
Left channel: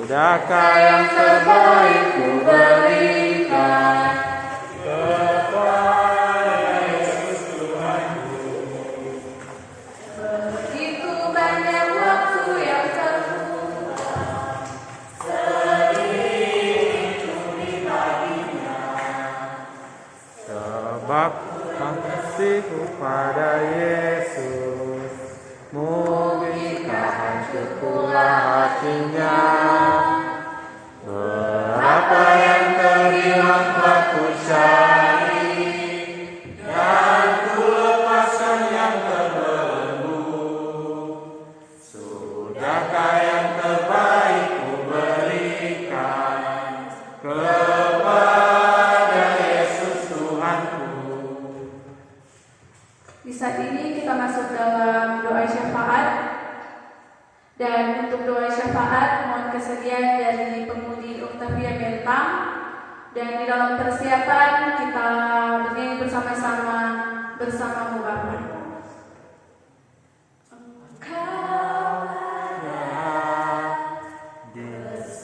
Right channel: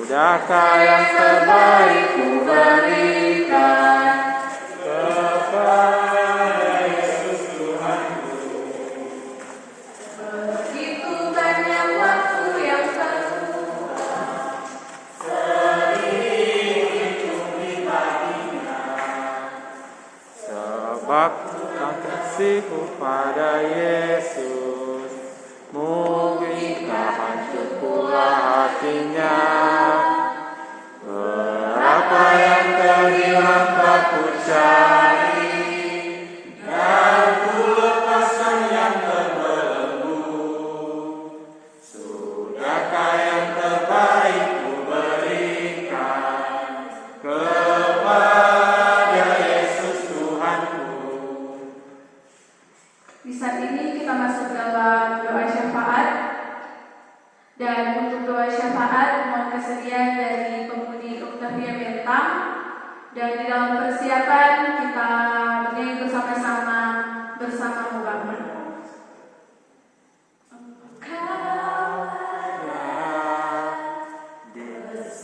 Sudahkah yang terbaik ku berikan kepada Yesus Tuhanku? Begitu banyak waktu yang terbuang, sedih hidup baginya, sebab kasihku pada Yesus, mungkin hancur pula hatinya. Berapa yang terhilang telah ku cari, dan ku lepaskan yang terbelenggu. Sudahkah yang terbaik ku berikan kepada Yesus Tuhanku? Di saat ini kita masuk dalam doa syafaat. Dan untuk doa syafaat mohon kesediaan dari pemudi Octavia Bentang. Dan di dalam persiapan kita bernyanyi bersama-sama bersama Bapak.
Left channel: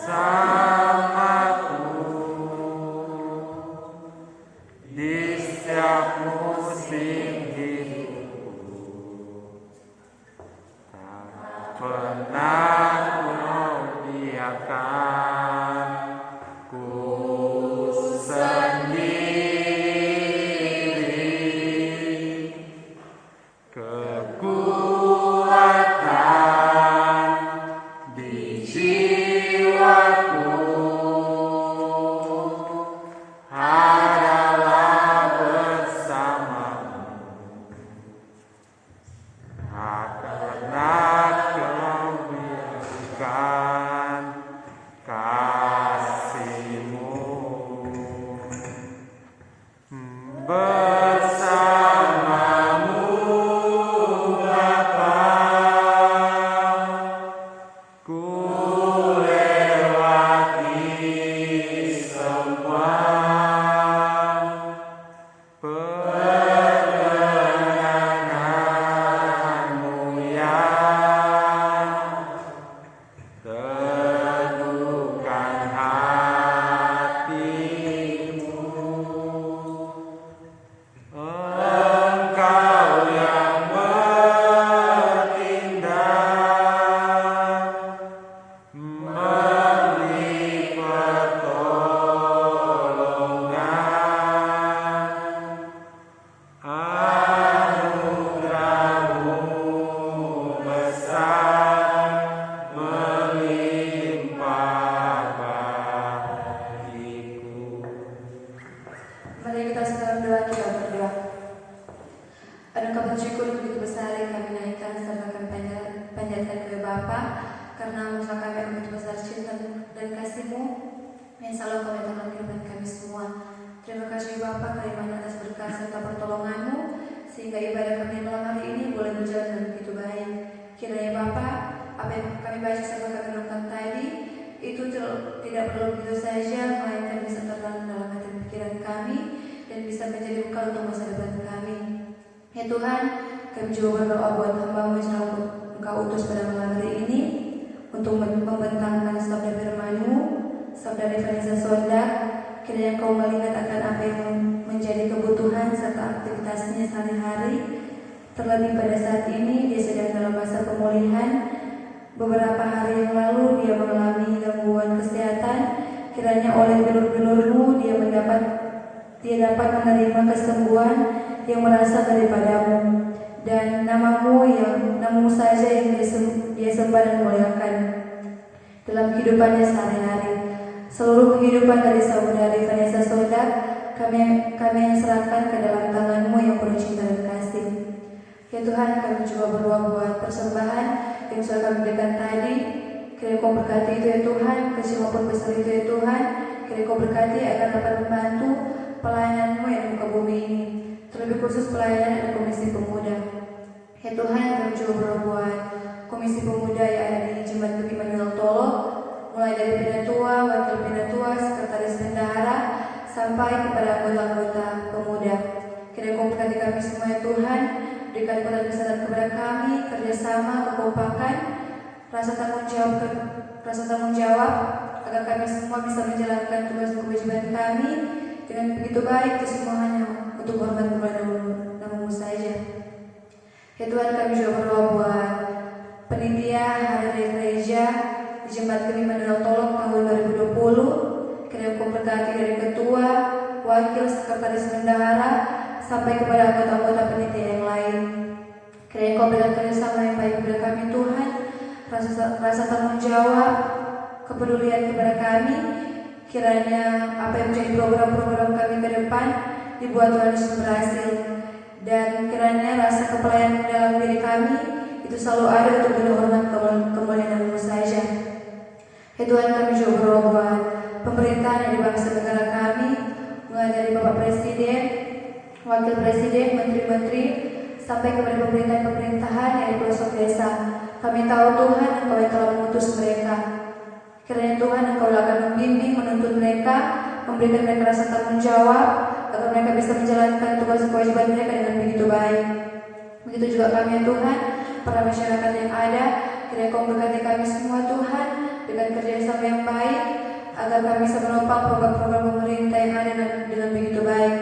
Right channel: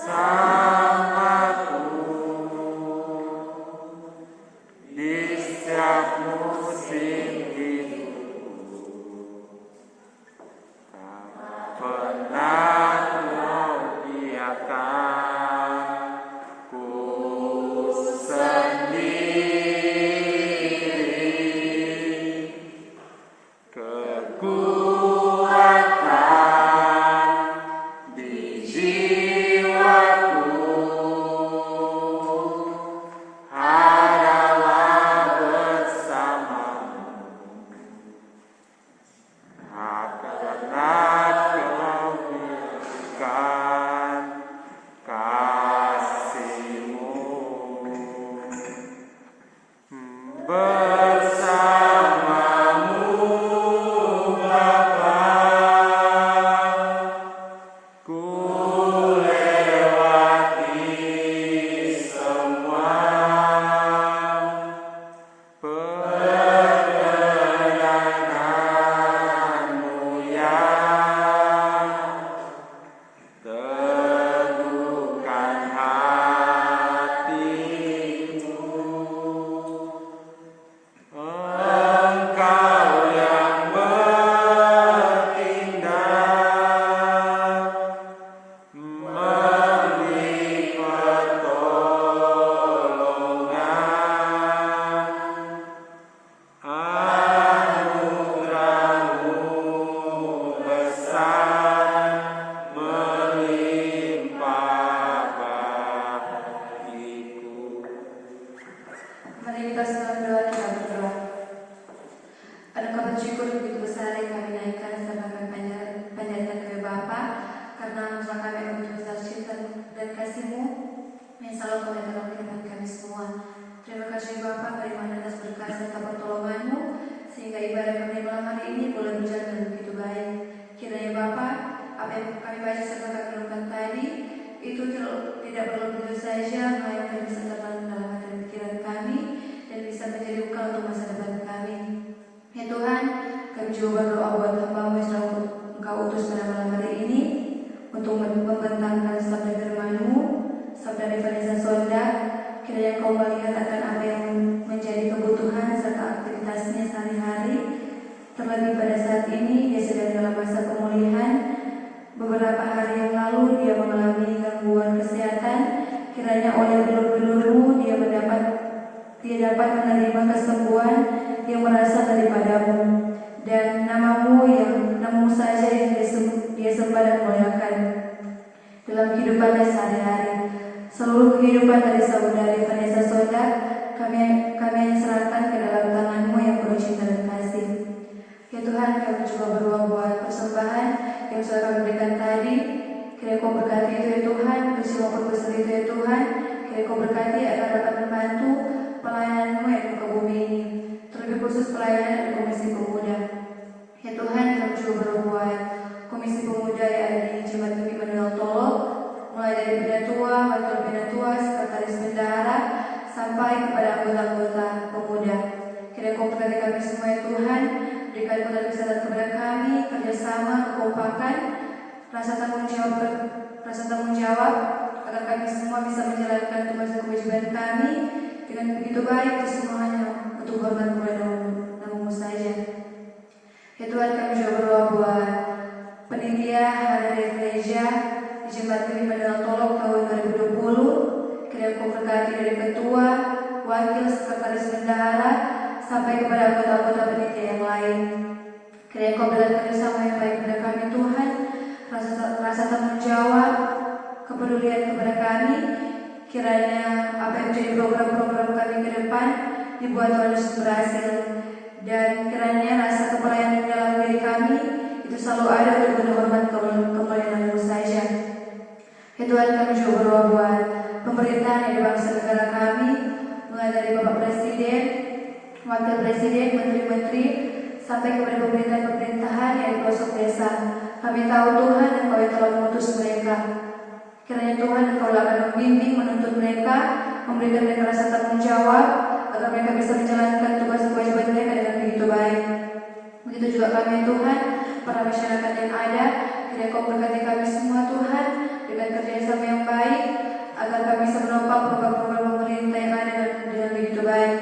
Bersamaku di setiap musim hidupku, tak pernah ku biarkan ku sendiri. Kekuatan di jiwaku adalah bersamamu, karena kau kehidupannya sehari-hari. Seluruh kehidupan dari saudari Vanessa Soda kami serahkan ke dalam tangan-Mu yang penuh cinta dan kasih. Ya Tuhan, kami juga berdoa buat persembahan yang sudah kami berikan tadi. Kiranya Kau berkati itu ya Tuhan, ke semua proposal itu ya Tuhan. Kiranya Kau berkati agar dapat membantu pelayanan-Mu yang di muka bumi ini, terlebih khusus pelayanan Komisi Pemuda. Ya Tuhan, kami juga berdoa buat Komisi Pemuda yang ada di Jemaat Tuki Manuel Tolo, mulai dari Pindatua, Wakil Pindatua, Sekretaris Bendahara, sampai kepada anggota-anggota pemuda. Kiranya Kau berkati kami semua ya Tuhan, berikan kesehatan kepada kami, kerjasama, kekompakan, rasa tanggung jawab, agar kami semua bisa menjalankan tugas dan kewajiban kami dengan begitu baik, semuanya untuk hormat kepada Nama-Mu saja. Ya Tuhan, kami juga berdoa buat penitia hari gereja di Jemaat Tuki Manuel Tolo tahun 2020. Kiranya Kau berkati dari ketua, wakil, sekretaris bendahara, sampai kepada anggota-anggota penitia yang lain. Kiranya Kau berikan kerjasama yang baik kepada kami Tuhan, rasa tanggung jawab, kepedulian kepada kami. Kiranya apa yang menjadi program-program kami ke depan dibuat Tuhan Yesus berhasil, dan kiranya rasa kepelayanan dalam diri kami itu selalu ada untuk berhormat kemuliaan Nama-Mu saja. Ya Tuhan, kami juga berdoa buat pemerintahan yang di bangsa negara kami, mulai dari Bapak Presiden, Wakil Presiden, Menteri-Menteri, sampai kepada pemerintahan yang di pelosok desa. Kami tahu Tuhan, Engkau yang telah mengutus mereka. Kiranya Tuhan, Engkau akan membimbing, menuntun mereka, memberikan mereka rasa tanggung jawab, agar mereka bisa menjalankan tugas kewajiban mereka dengan begitu baik. Begitu juga kami Tuhan, para masyarakat yang ada, kiranya Kau berkati kami semua Tuhan, dengan kerjasama yang baik, agar kami bisa menopang program-program pemerintah yang ada dengan begitu baik.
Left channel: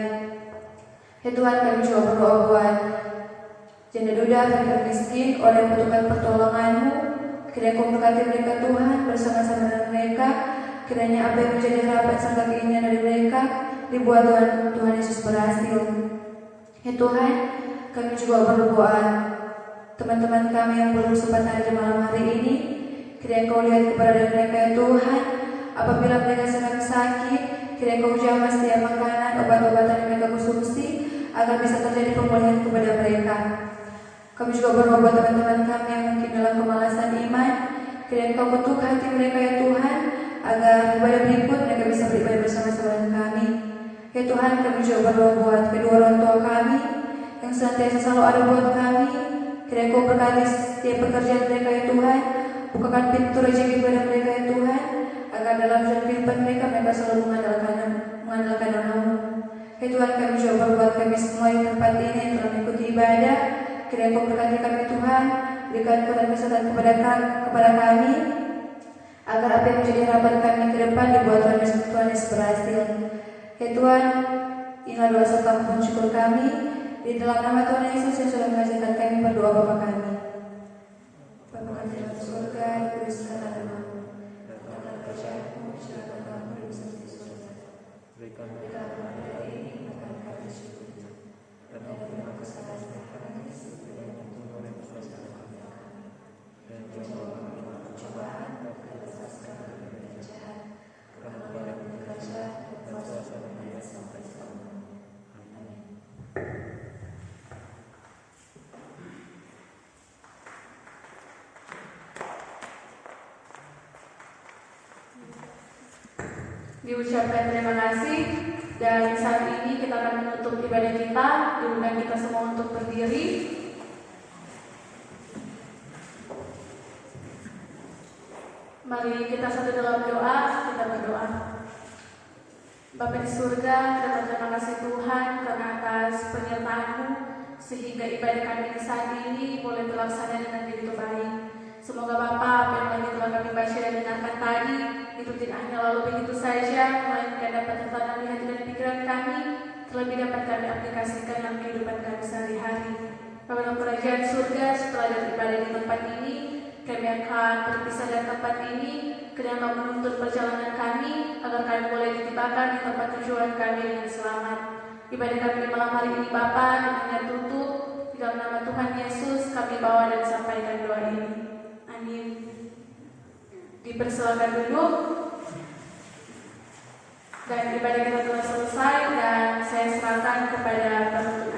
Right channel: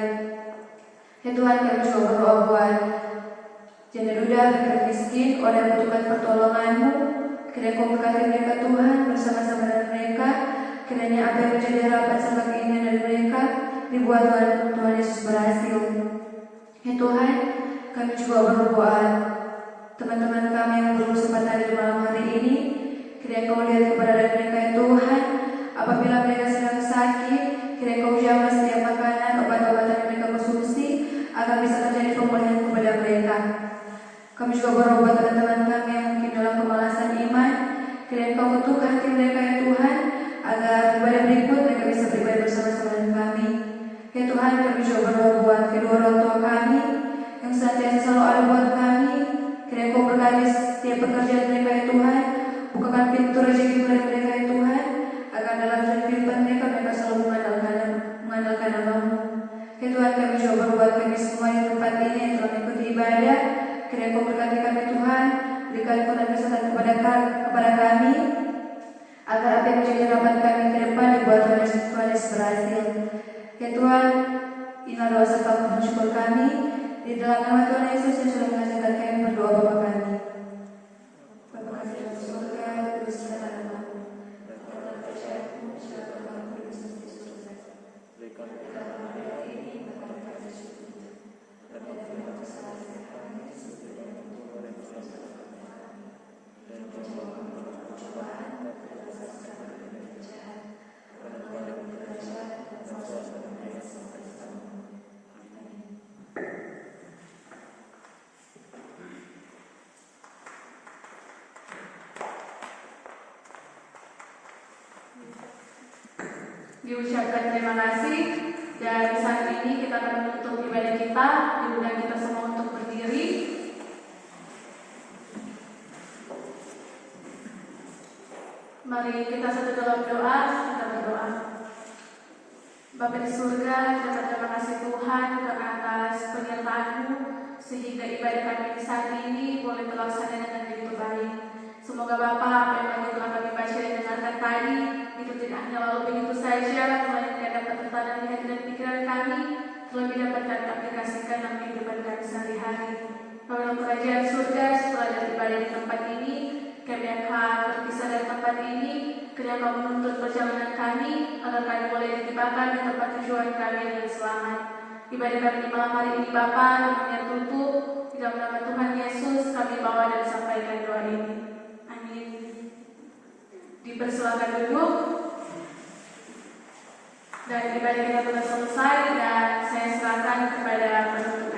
Ya Tuhan, kami juga berdoa buat janda duda, fakir miskin, orang yang membutuhkan pertolongan-Mu. Kiranya Kau berkati mereka Tuhan, bersama-sama dengan mereka. Kiranya apa yang menjadi harapan serta keinginan dari mereka dibuat Tuhan Yesus berhasil. Ya Tuhan, kami juga berdoa teman-teman kami yang belum sempat hadir malam hari ini. Kiranya Kau lihat keberadaan mereka ya Tuhan. Apabila mereka sedang sakit, kiranya Kau jaga setiap makanan, obat-obatan yang mereka konsumsi, agar bisa terjadi pemulihan kepada mereka. Kami juga berdoa buat teman-teman kami yang mungkin dalam kemalasan iman. Kiranya Kau ketuk hati mereka ya Tuhan, agar ibadah berikut mereka bisa beribadah bersama-sama dengan kami. Ya Tuhan, kami juga berdoa buat kedua orang tua kami yang senantiasa selalu ada buat kami. Kiranya Kau berkati setiap pekerjaan mereka ya Tuhan, bukakan pintu rezeki kepada mereka ya Tuhan, agar dalam kehidupan mereka selalu mengandalkan Nama-Mu. Ya Tuhan, kami juga berdoa buat kami semua di tempat ini yang telah mengikuti ibadah. Kiranya Kau berkati kami Tuhan, berikan kesehatan kepada kami, agar apa yang menjadi harapan kami ke depan dibuat Tuhan Yesus berhasil. Ya Tuhan, inilah doa serta mohon syukur kami di dalam nama Tuhan Yesus yang sudah mengajarkan kami berdoa Bapa kami. Bapa kami dalam surga, dikuduskanlah nama-Mu, datanglah kerajaan-Mu, sejahtera-Mu di surga. Berikanlah kami hari ini makanan kami secukupnya, dan ampunilah kesalahan kami seperti kami mengampuni orang yang bersalah pada kami. Dan jangan bawa kami dalam pencobaan, tapi lepaskan kami dari yang jahat. Karena Engkau yang berkuasa dan kuasa dan kuasa sampai selamanya. Amin. Diucapkan terima kasih, dan saat ini kita akan menutup ibadah kita. Diundang kita semua untuk berdiri. Mari kita satu dalam doa, kita berdoa. Bapa di surga, kita terima kasih Tuhan karena atas penyertaan-Mu, sehingga ibadah kami di saat ini boleh terlaksana dengan begitu baik. Semoga Bapa, apa yang lagi telah kami baca dan dengarkan tadi, itu tidak hanya lalu begitu saja, melainkan dapat tertanam di hati dan pikiran kami, terlebih dapat kami aplikasikan dalam kehidupan kami sehari-hari. Dalam kerajaan surga, setelah dari ibadah di tempat ini, kami akan berpisah dari tempat ini. Kiranya Kau menuntut perjalanan kami, agar kami boleh ditibakan di tempat tujuan kami dengan selamat. Ibadah kami di malam hari ini Bapa, dengan tutup di dalam nama Tuhan Yesus kami bawa dan sampaikan doa ini. Amin. Di Dipersilakan duduk. Dan ibadah kita telah selesai dan saya serahkan kepada penutup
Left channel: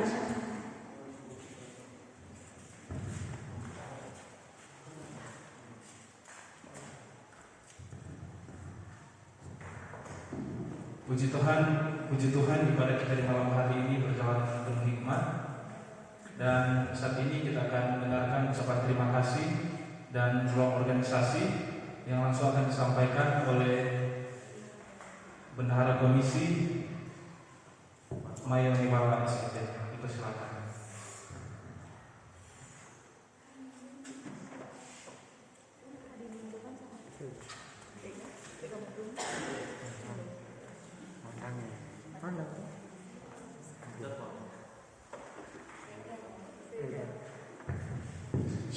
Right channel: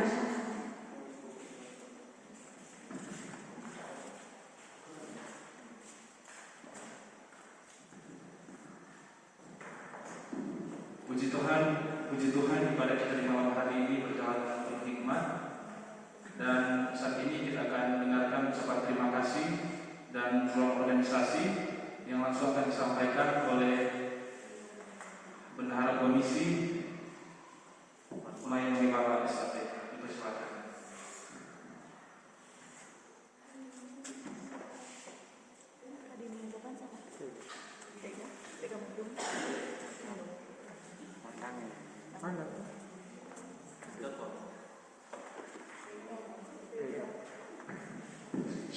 acara. Puji Tuhan ibadah kita di malam hari ini berjalan dengan penuh hikmat. Dan saat ini kita akan mendengarkan ucapan terima kasih dan ruang organisasi yang langsung akan disampaikan oleh Bendahara Komisi Mayang Nibawan SPT. Kita silakan.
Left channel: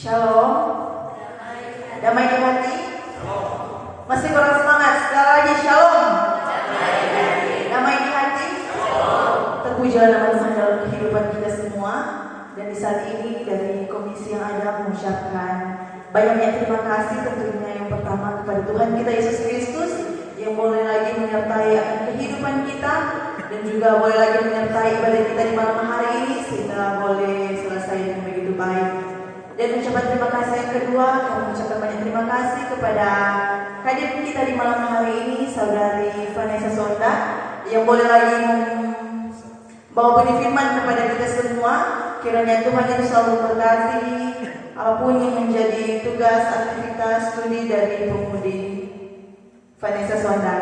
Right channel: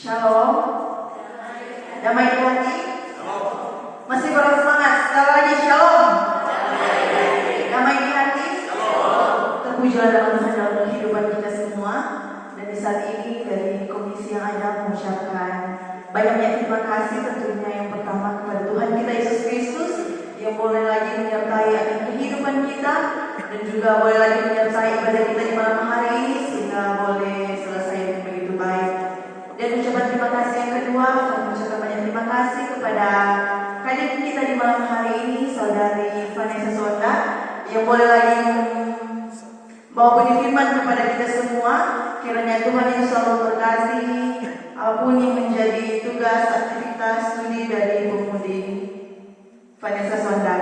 Shalom. Damai di hati. Masih kurang semangat. Sekali lagi shalom. Damai di hati. Terpujilah nama Tuhan dalam kehidupan kita semua. Dan di saat ini dari komisi yang ada mengucapkan banyak terima kasih tentunya yang pertama kepada Tuhan kita Yesus Kristus yang boleh lagi menyertai akan kehidupan kita dan juga boleh lagi menyertai ibadah kita di malam hari ini sehingga boleh selesai dengan begitu baik. Dan ucapan terima kasih yang kedua, kami mengucapkan banyak terima kasih kepada hadir kita di malam hari ini, Saudari Vanessa Sonda, yang boleh lagi membawa benih firman kepada kita semua. Kiranya Tuhan yang selalu memberkati apapun yang menjadi tugas aktivitas studi dari pemudi Vanessa Sonda.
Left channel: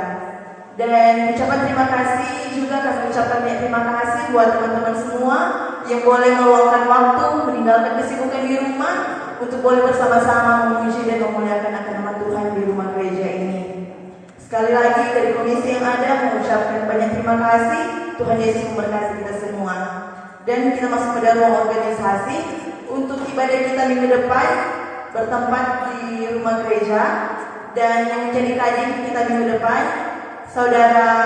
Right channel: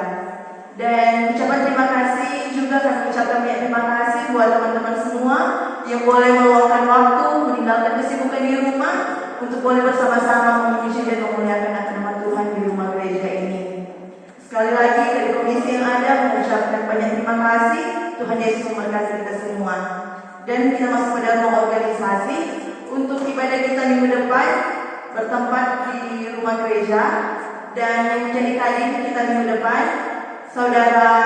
Dan ucapan terima kasih juga kami ucapkan banyak terima kasih buat teman-teman semua yang boleh meluangkan waktu meninggalkan kesibukan di rumah untuk boleh bersama-sama memuji dan memuliakan nama Tuhan di rumah gereja ini. Sekali lagi dari komisi yang ada mengucapkan banyak terima kasih. Tuhan Yesus memberkati kita semua. Dan kita masuk ke dalam organisasi untuk ibadah kita minggu depan bertempat di rumah gereja. Dan yang menjadi kadir kita minggu depan Saudara